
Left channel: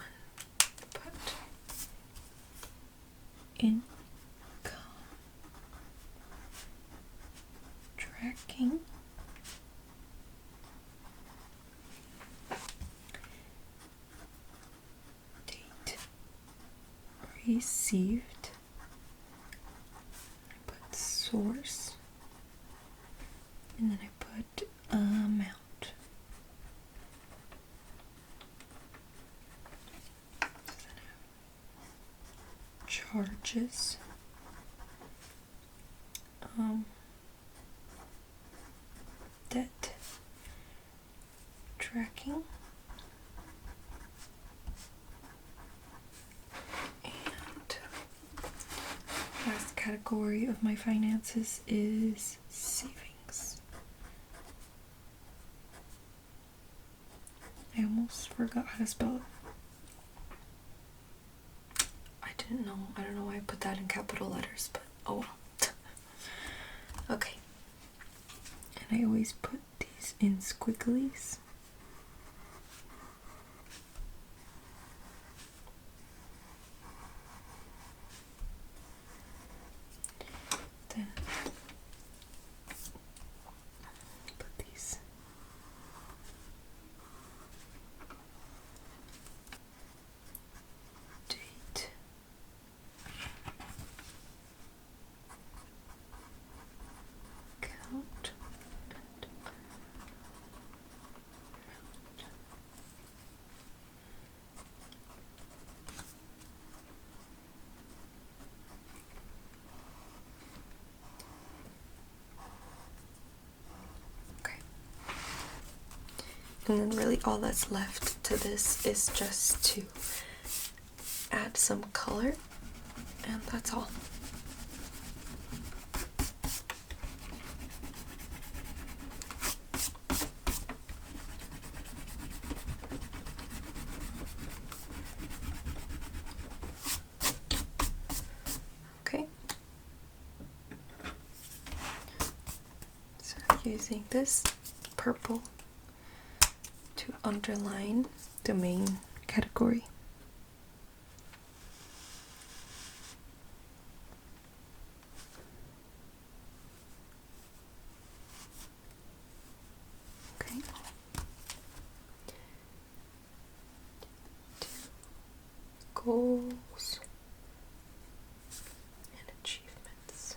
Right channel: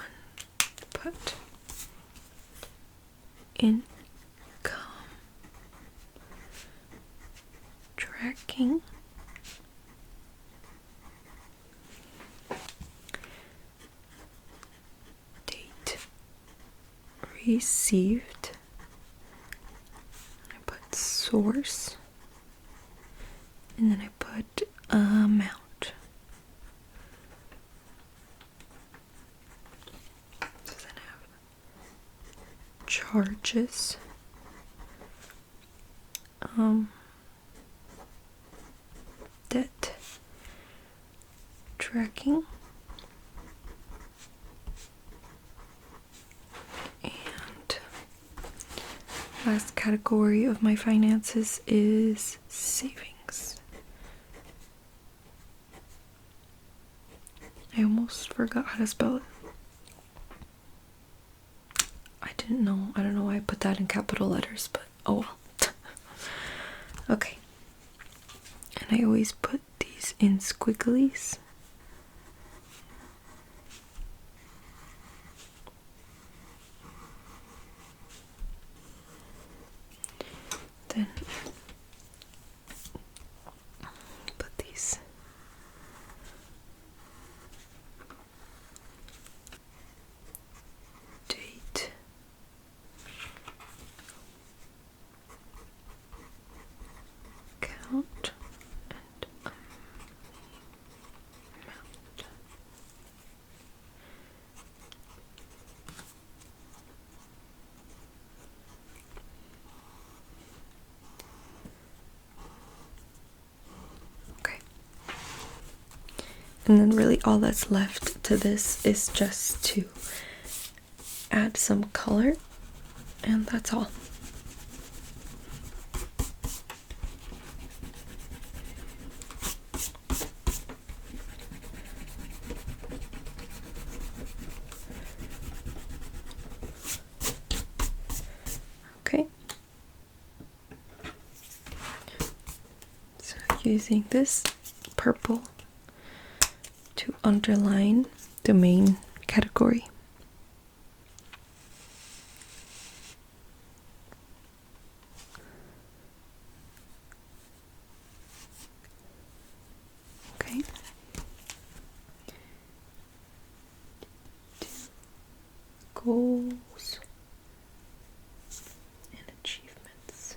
put income tracking date received. I put source and then I put amount. Charges, debt tracking, and last category of my finances is savings. I almost forgot how to spell it. I don't know why I put that in capital letters, but oh well. Okay. And I always put these in squigglies. Then put these date And then really all that's left to this is just to add some color, and that's all. Okay. So using this purple to underline the main category. Okay. Goals and achievements.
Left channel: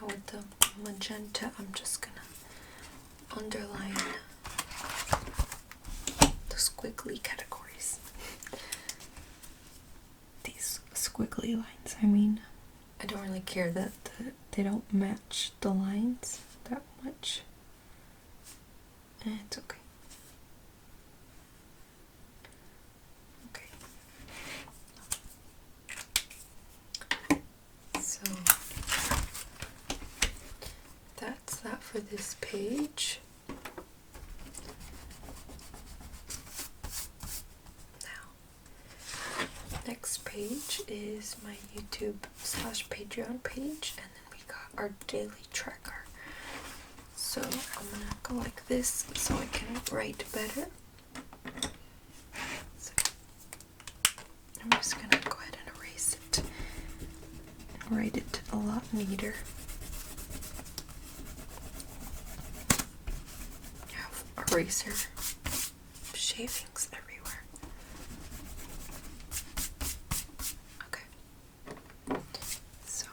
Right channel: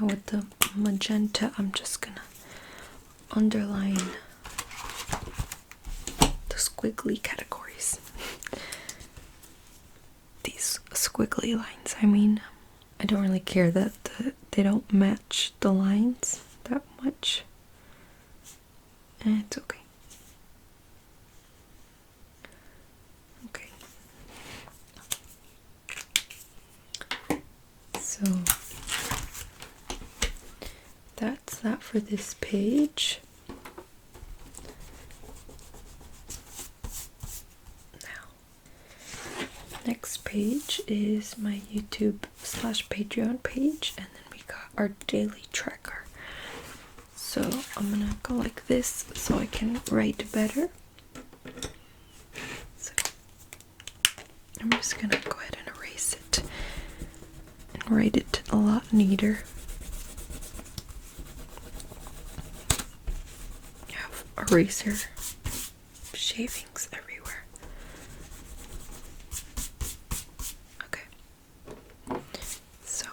Now with the magenta, I'm just gonna underline the squiggly categories. These squiggly lines, I mean, I don't really care that they don't match the lines that much. And it's okay. Okay. So that's that for this page. Now, next page is my YouTube/Patreon page, and then we got our daily tracker. So I'm gonna go like this so I can write better. So I'm just gonna go ahead and erase it and write it a lot neater. I have eraser shavings everywhere. Okay. So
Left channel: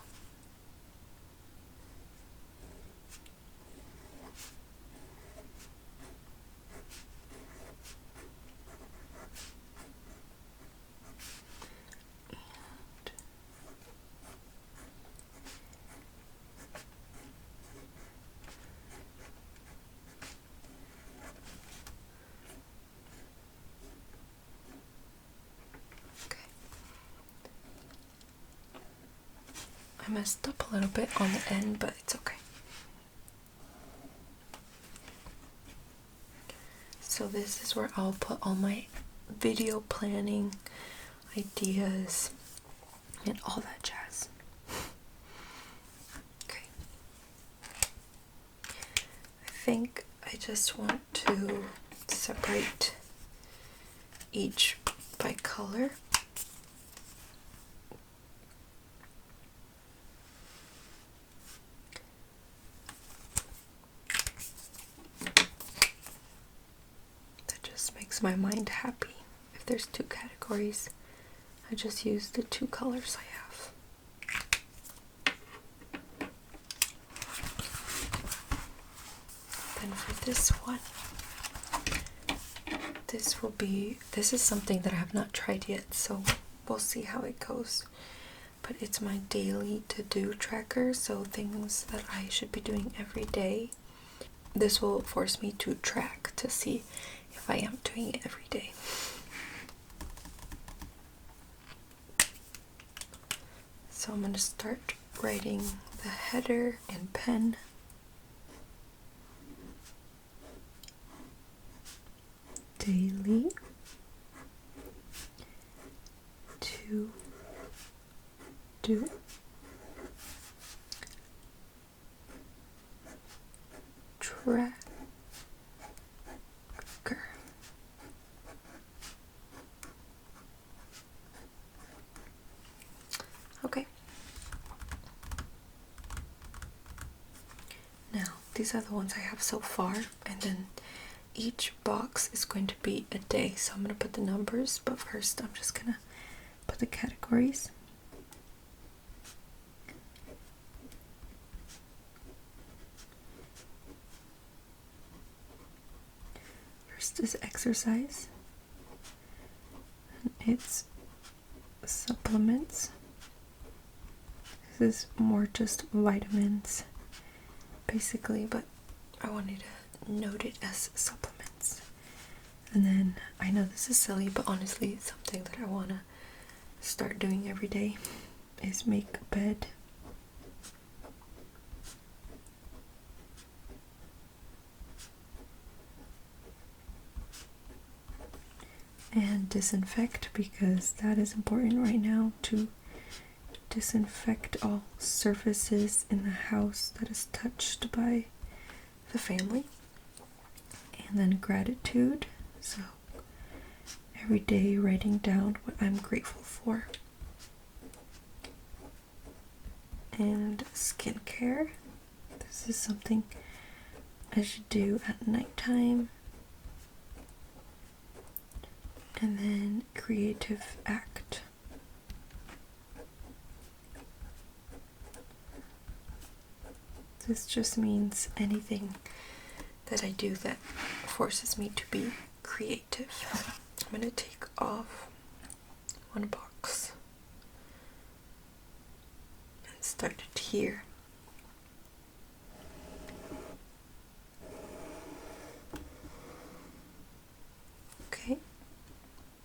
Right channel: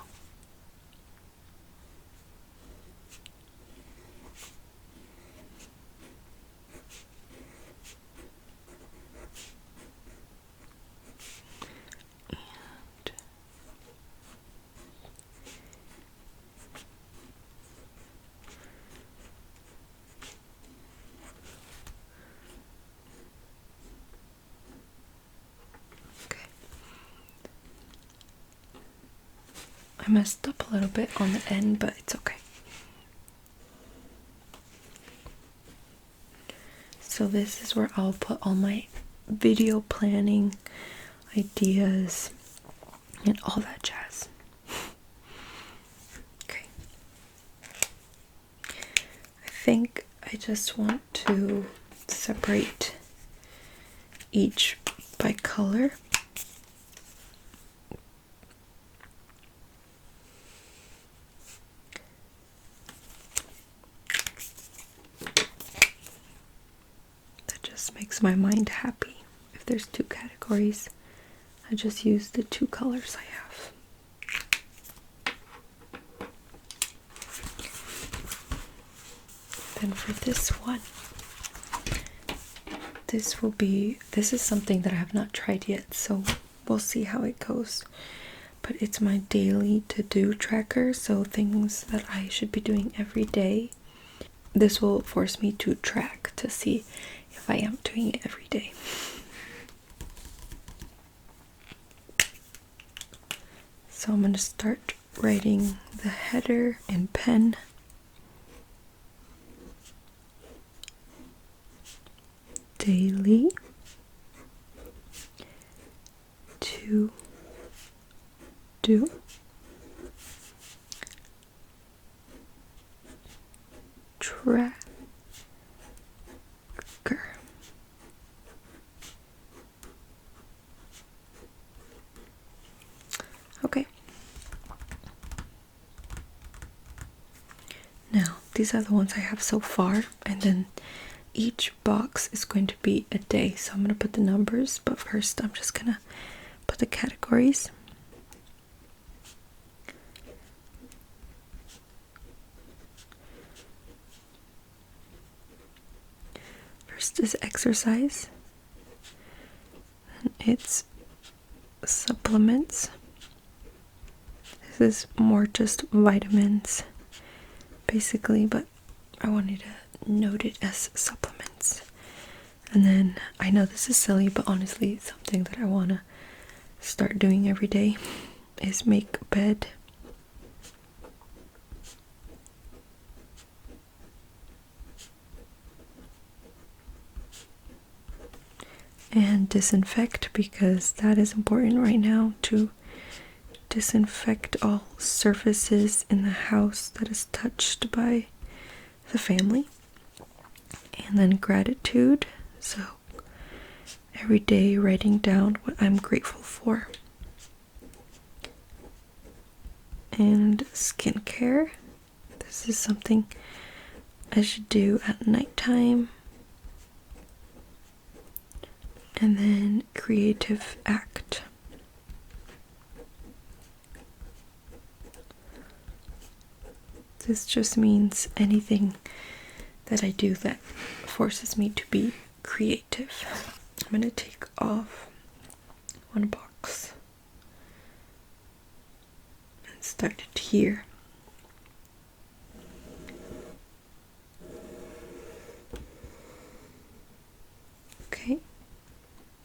I messed up a little bit on the end, but it's okay. So this is where I'll put all my video planning ideas and all that jazz. Okay. I think I just want to separate each by color. Makes my mind happy. If there's two categories, I just use the two colors I have. Then for this one, this is something that I have not tried yet, so we'll see how it goes. But it's my daily to-do tracker, so things that I should be doing every day. This will force me to track to see if I am doing it every day. So I'm going to start writing the header in pen. Daily to do tracker. Okay. Now, these are the ones I have so far, and then each box is going to be a day. So I'm going to put the numbers, but first I'm just going to put the categories. first is exercise. It's supplements. This is more just vitamins, basically, but I wanted to note it as supplements. And then, I know this is silly, but honestly, something that I want to start doing every day is make a bed. And disinfect, because that is important right now, to disinfect all surfaces in the house that is touched by the family. And then gratitude, so every day writing down what I'm grateful for. And skincare, this is something I should do at nighttime. And then creative act. This just means anything that I do that forces me to be creative. I'm going to take off one box and start it here. Okay.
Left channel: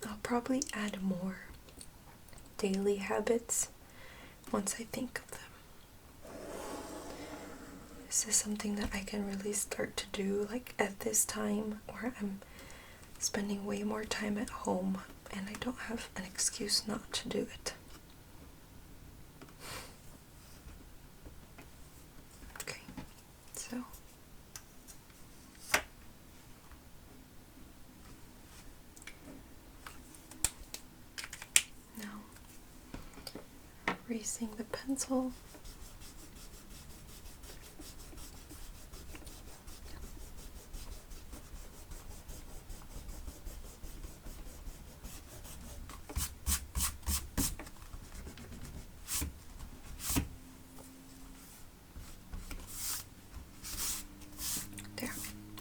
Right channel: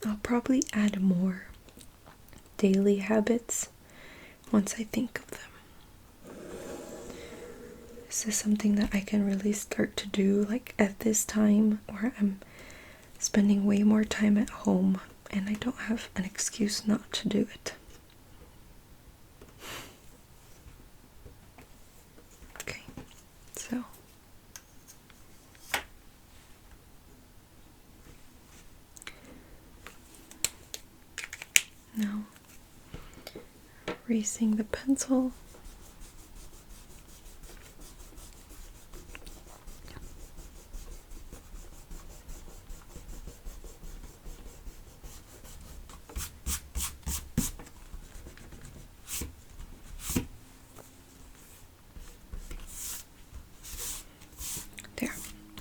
I'll probably add more daily habits once I think of them. This is something that I can really start to do like at this time where I'm spending way more time at home and I don't have an excuse not to do it. Okay, so now erasing the pencil.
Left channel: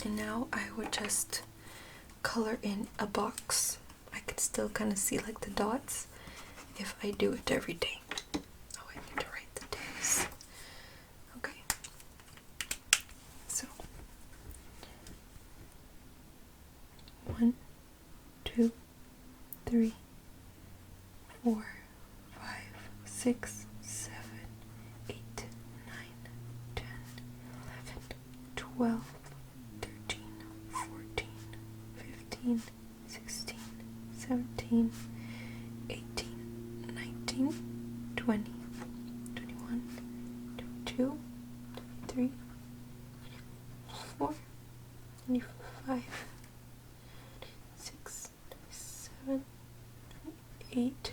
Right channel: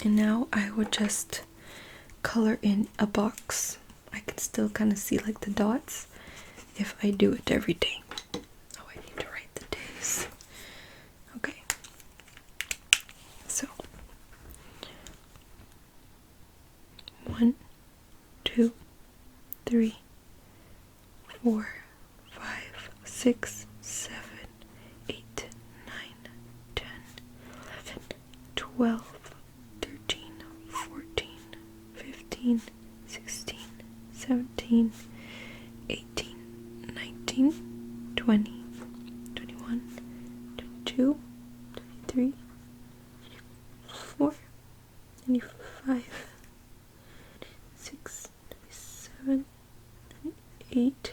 And now I would just color in a box. I can still kind of see like the dots if I do it every day. Oh, I need to write the days. Okay. So 1, 2, 3, 4, 5, 6, 7, 8, 9, 10, 11, 12. 16, 17, 18, 19, 20, 21, 22, 23, 24, 25, 26, 27, 28,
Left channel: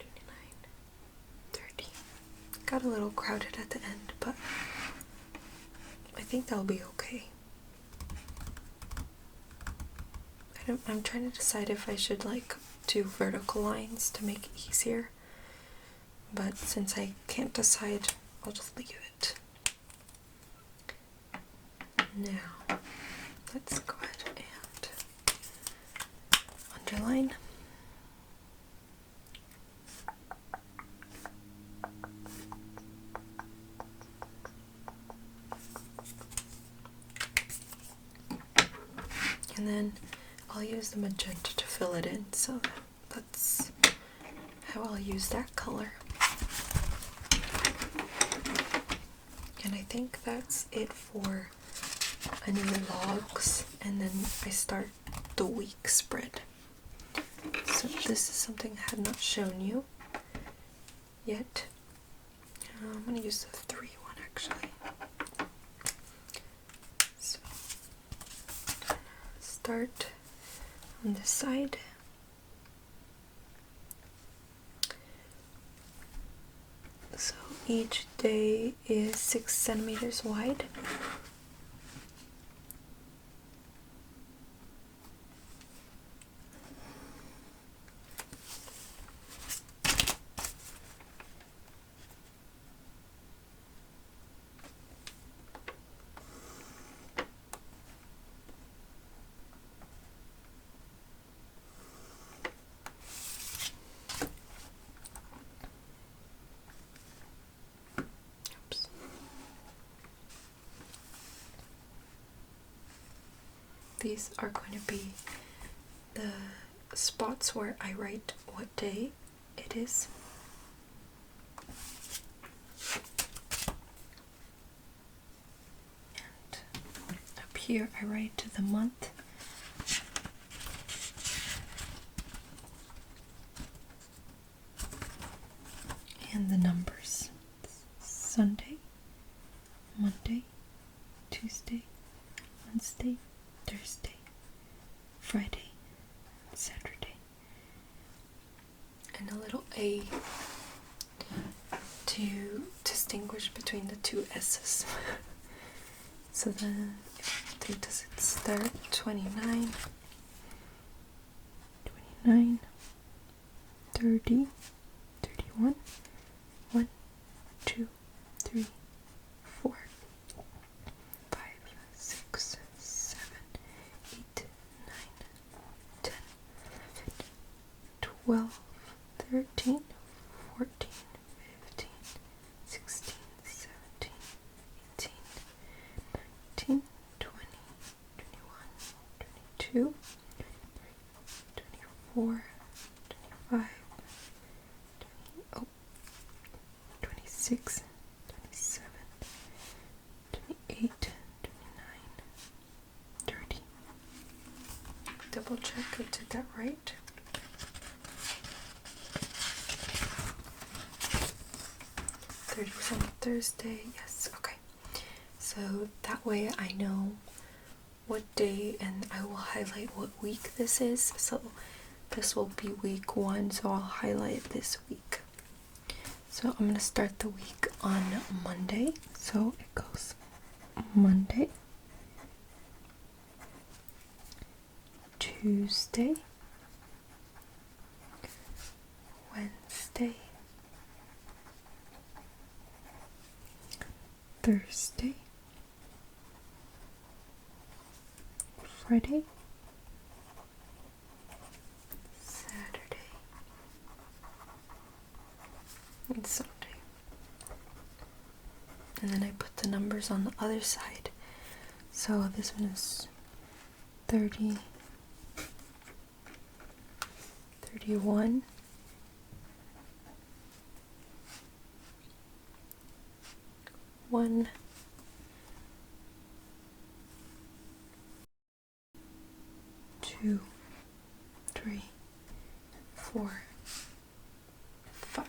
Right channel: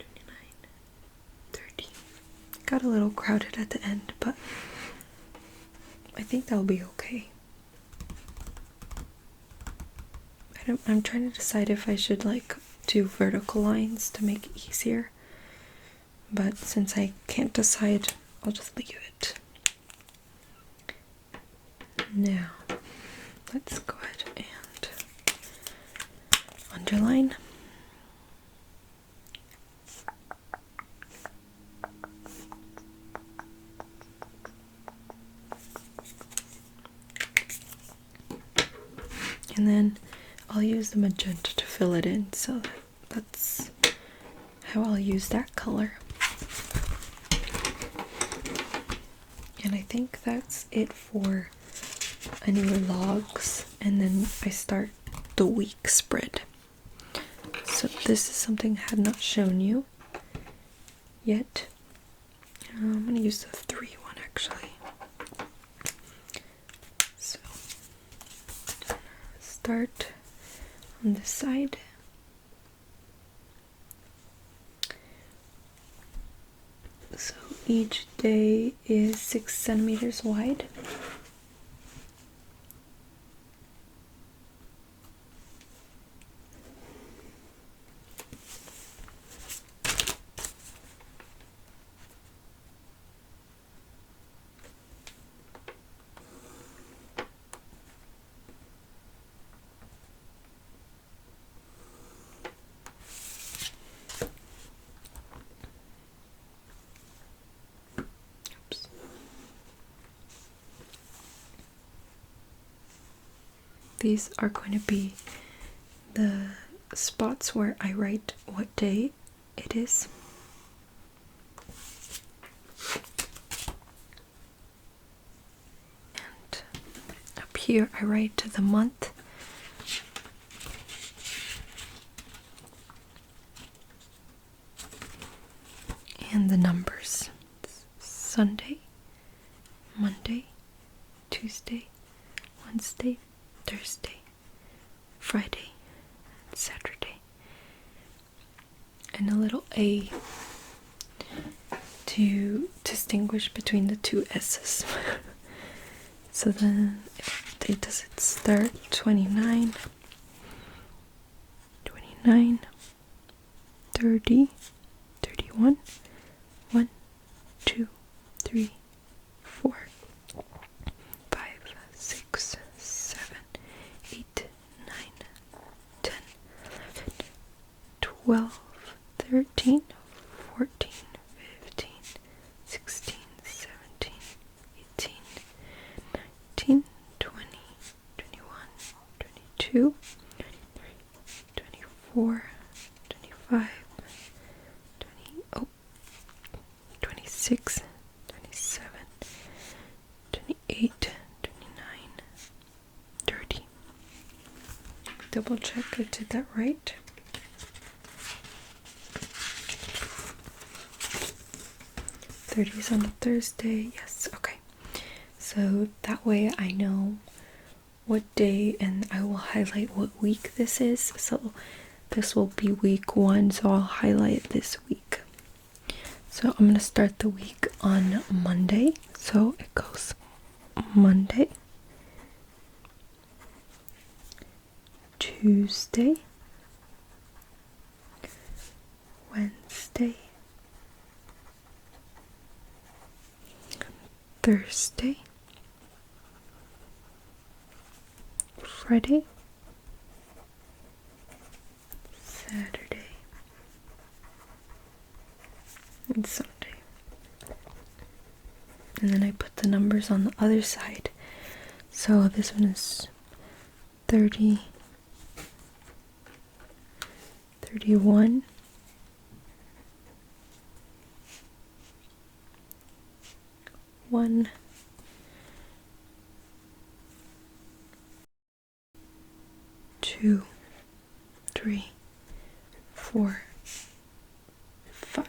29, 30. Got a little crowded at the end, but I think that'll be okay. I'm trying to decide if I should like do vertical lines to make it easier, but since I can't decide, I'll just leave it. Now let's go ahead and underline. And then I'll use the magenta to fill it in, so that's how I'll use that color. And I think that's it for any logs, and then I start the week spread. So this is something I have not shown you yet. I'm going to use the 3 one actually. So start on this side. So each day is 6 centimeters wide. these are going to be the spots where I write what day it is. And up here I write the month. And the numbers. Sunday, Monday, Tuesday, Wednesday, Thursday, Friday, Saturday. And a little A to distinguish between the two S's. So then, if the date does it start? 29, 30, 31, 1, 2, 3, 4, 5, 6, 7, 8, 9, 10, 11, 12, 13, 14, 15, 16, 17, 18, 19, 20, 21, 22, 23, 24, 25, 26, 27, 28, 29, 30. Double check I did that right. 30 is on a Thursday. Yes, okay. So that way I know what day, and I will highlight what week this is. So this will be week 1, so I'll highlight this week. So I'm going to start the week on Monday. So it goes Monday, Tuesday, Wednesday, Thursday, Friday, Saturday, and Sunday. And then I put the numbers on the other side. So this one is 30, 31, 1, 2, 3, 4, 5.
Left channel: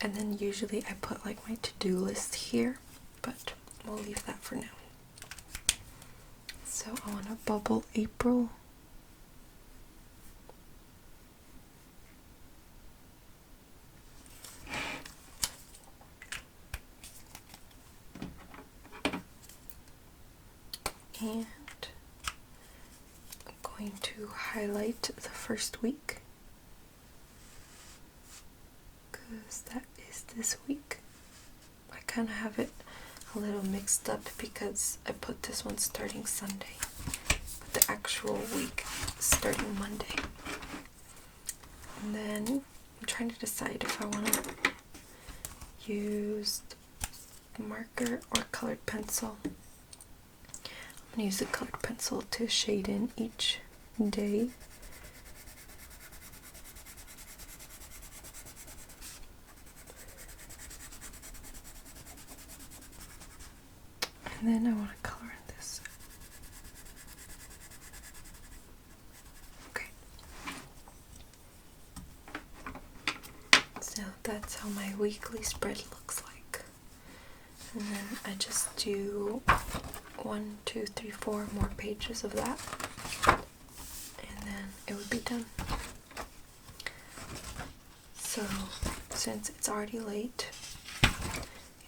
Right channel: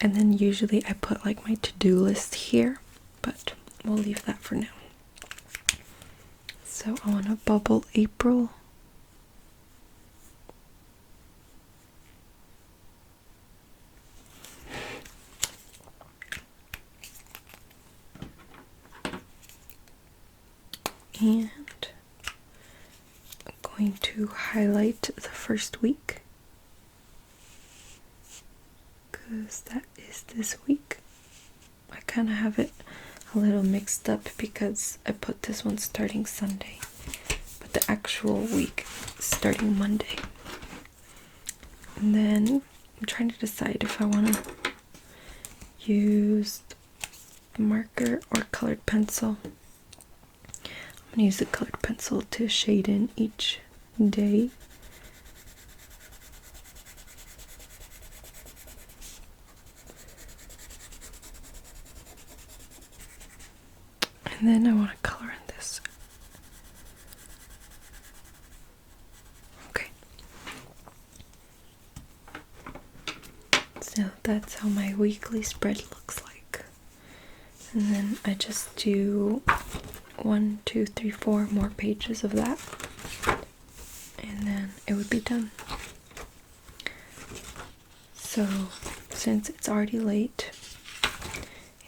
And then usually I put like my to-do list here, but we'll leave that for now. So I want to bubble April. And I'm going to highlight the first week, because that is this week. I kind of have it a little mixed up because I put this one starting Sunday, but the actual week starting Monday. And then I'm trying to decide if I want to use marker or colored pencil. I'm going to use the colored pencil to shade in each day. And then I want to color in this. Okay. So that's how my weekly spread looks like. And then I just do 1, 2, 3, 4 more pages of that. And then it would be done. So since it's already late,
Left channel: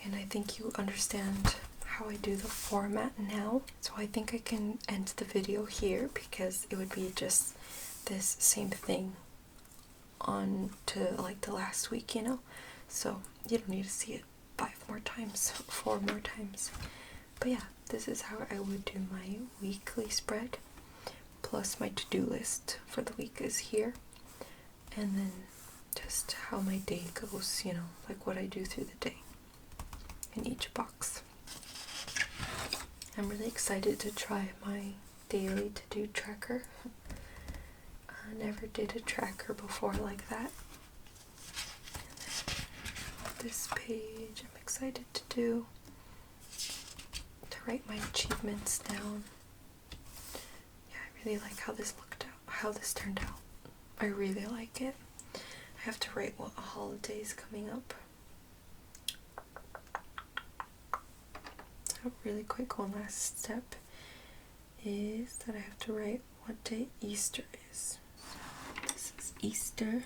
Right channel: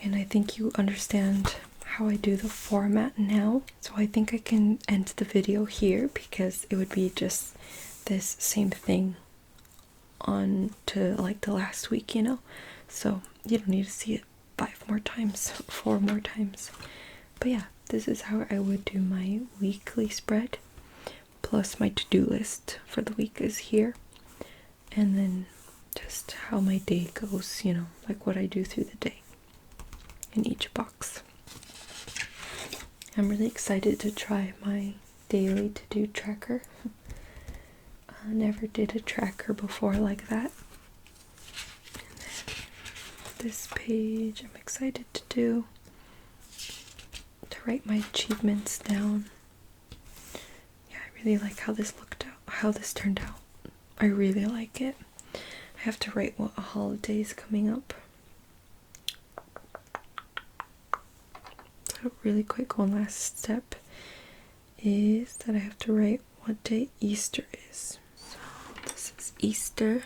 and I think you understand how I do the format now, so I think I can end the video here, because it would be just this same thing on to like the last week, you know, so you don't need to see it 5 more times, 4 more times. But yeah, this is how I would do my weekly spread, plus my to-do list for the week is here, and then just how my day goes, you know, like what I do through the day in each box. I'm really excited to try my daily to-do tracker. I never did a tracker before like that. And then this page I'm excited to write my achievements down. Yeah, I really like how this turned out. I really like it. I have to write what a holiday is coming up. So really quick, one last step is that I have to write what day Easter is. So this is Easter.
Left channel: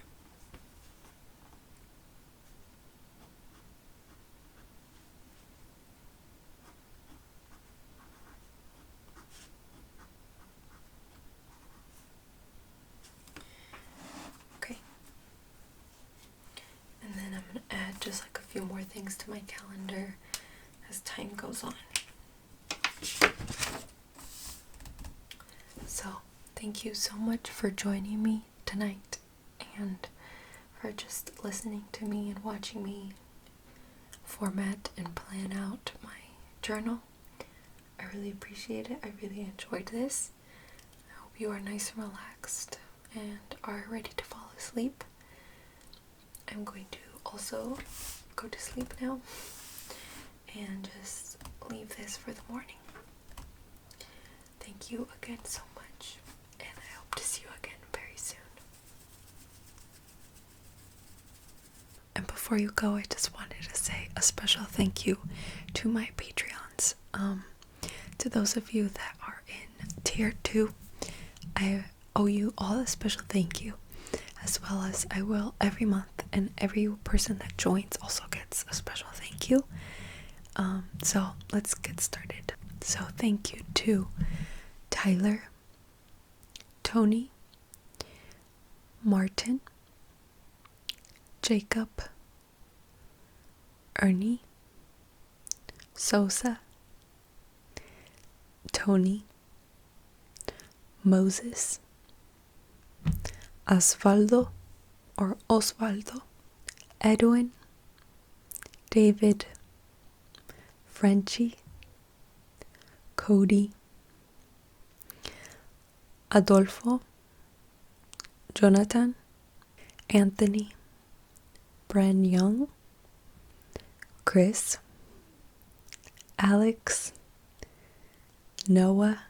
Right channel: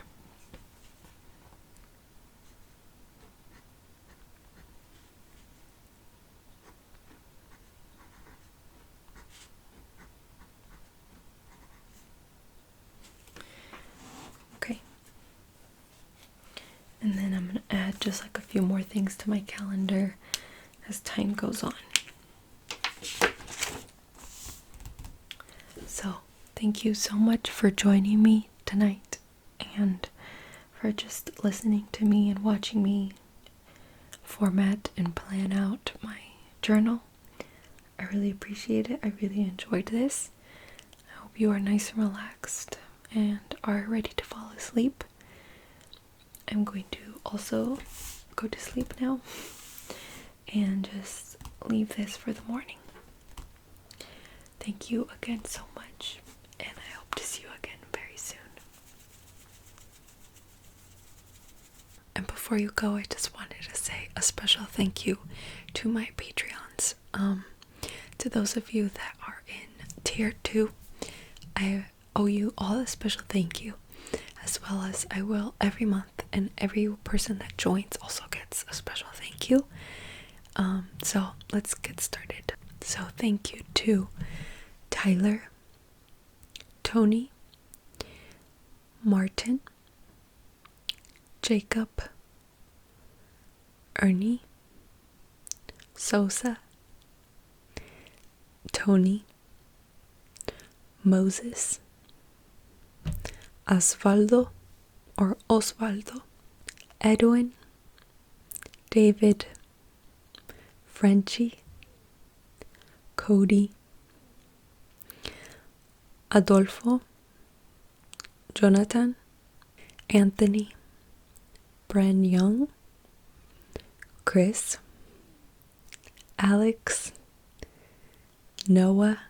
Okay. And then I'm going to add just like a few more things to my calendar as time goes on. So, thank you so much for joining me tonight and for just listening to me and watching me format and plan out my journal. I really appreciate it. I really enjoyed this. I hope you are nice and relaxed and are ready to fall asleep. I'm going to also go to sleep now and just leave this for the morning. Thank you again so much, and I hope to see you again very soon. And before you go, I just wanted to say a special thank you to my Patreons. To those of you that are in tier 2, I owe you all a special thank you, as well as I will every month, and every person that joins also gets a special thank you. So let's get started. So thank you to Tyler, Tony, Martin, Jacob, Ernie, Sosa, Tony, Moses, Osvaldo, Edwin, David, Frenchy, Cody, Adolfo, Jonatan, Anthony, Brenyoung, Chris, Alex, Noah,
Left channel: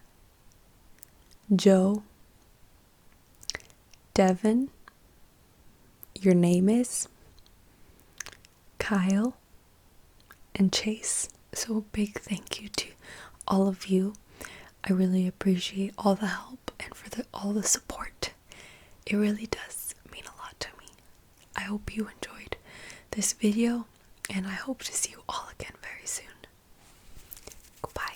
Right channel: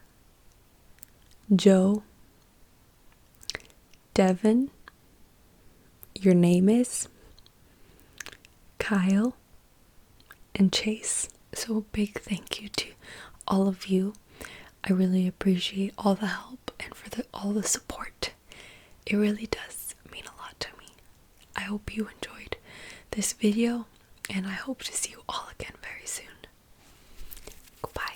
Joe, Devin, Yournameis, Kyle, and Chase. So a big thank you to all of you. I really appreciate all the help and for all the support. It really does mean a lot to me. I hope you enjoyed this video, and I hope to see you all again very soon. Goodbye.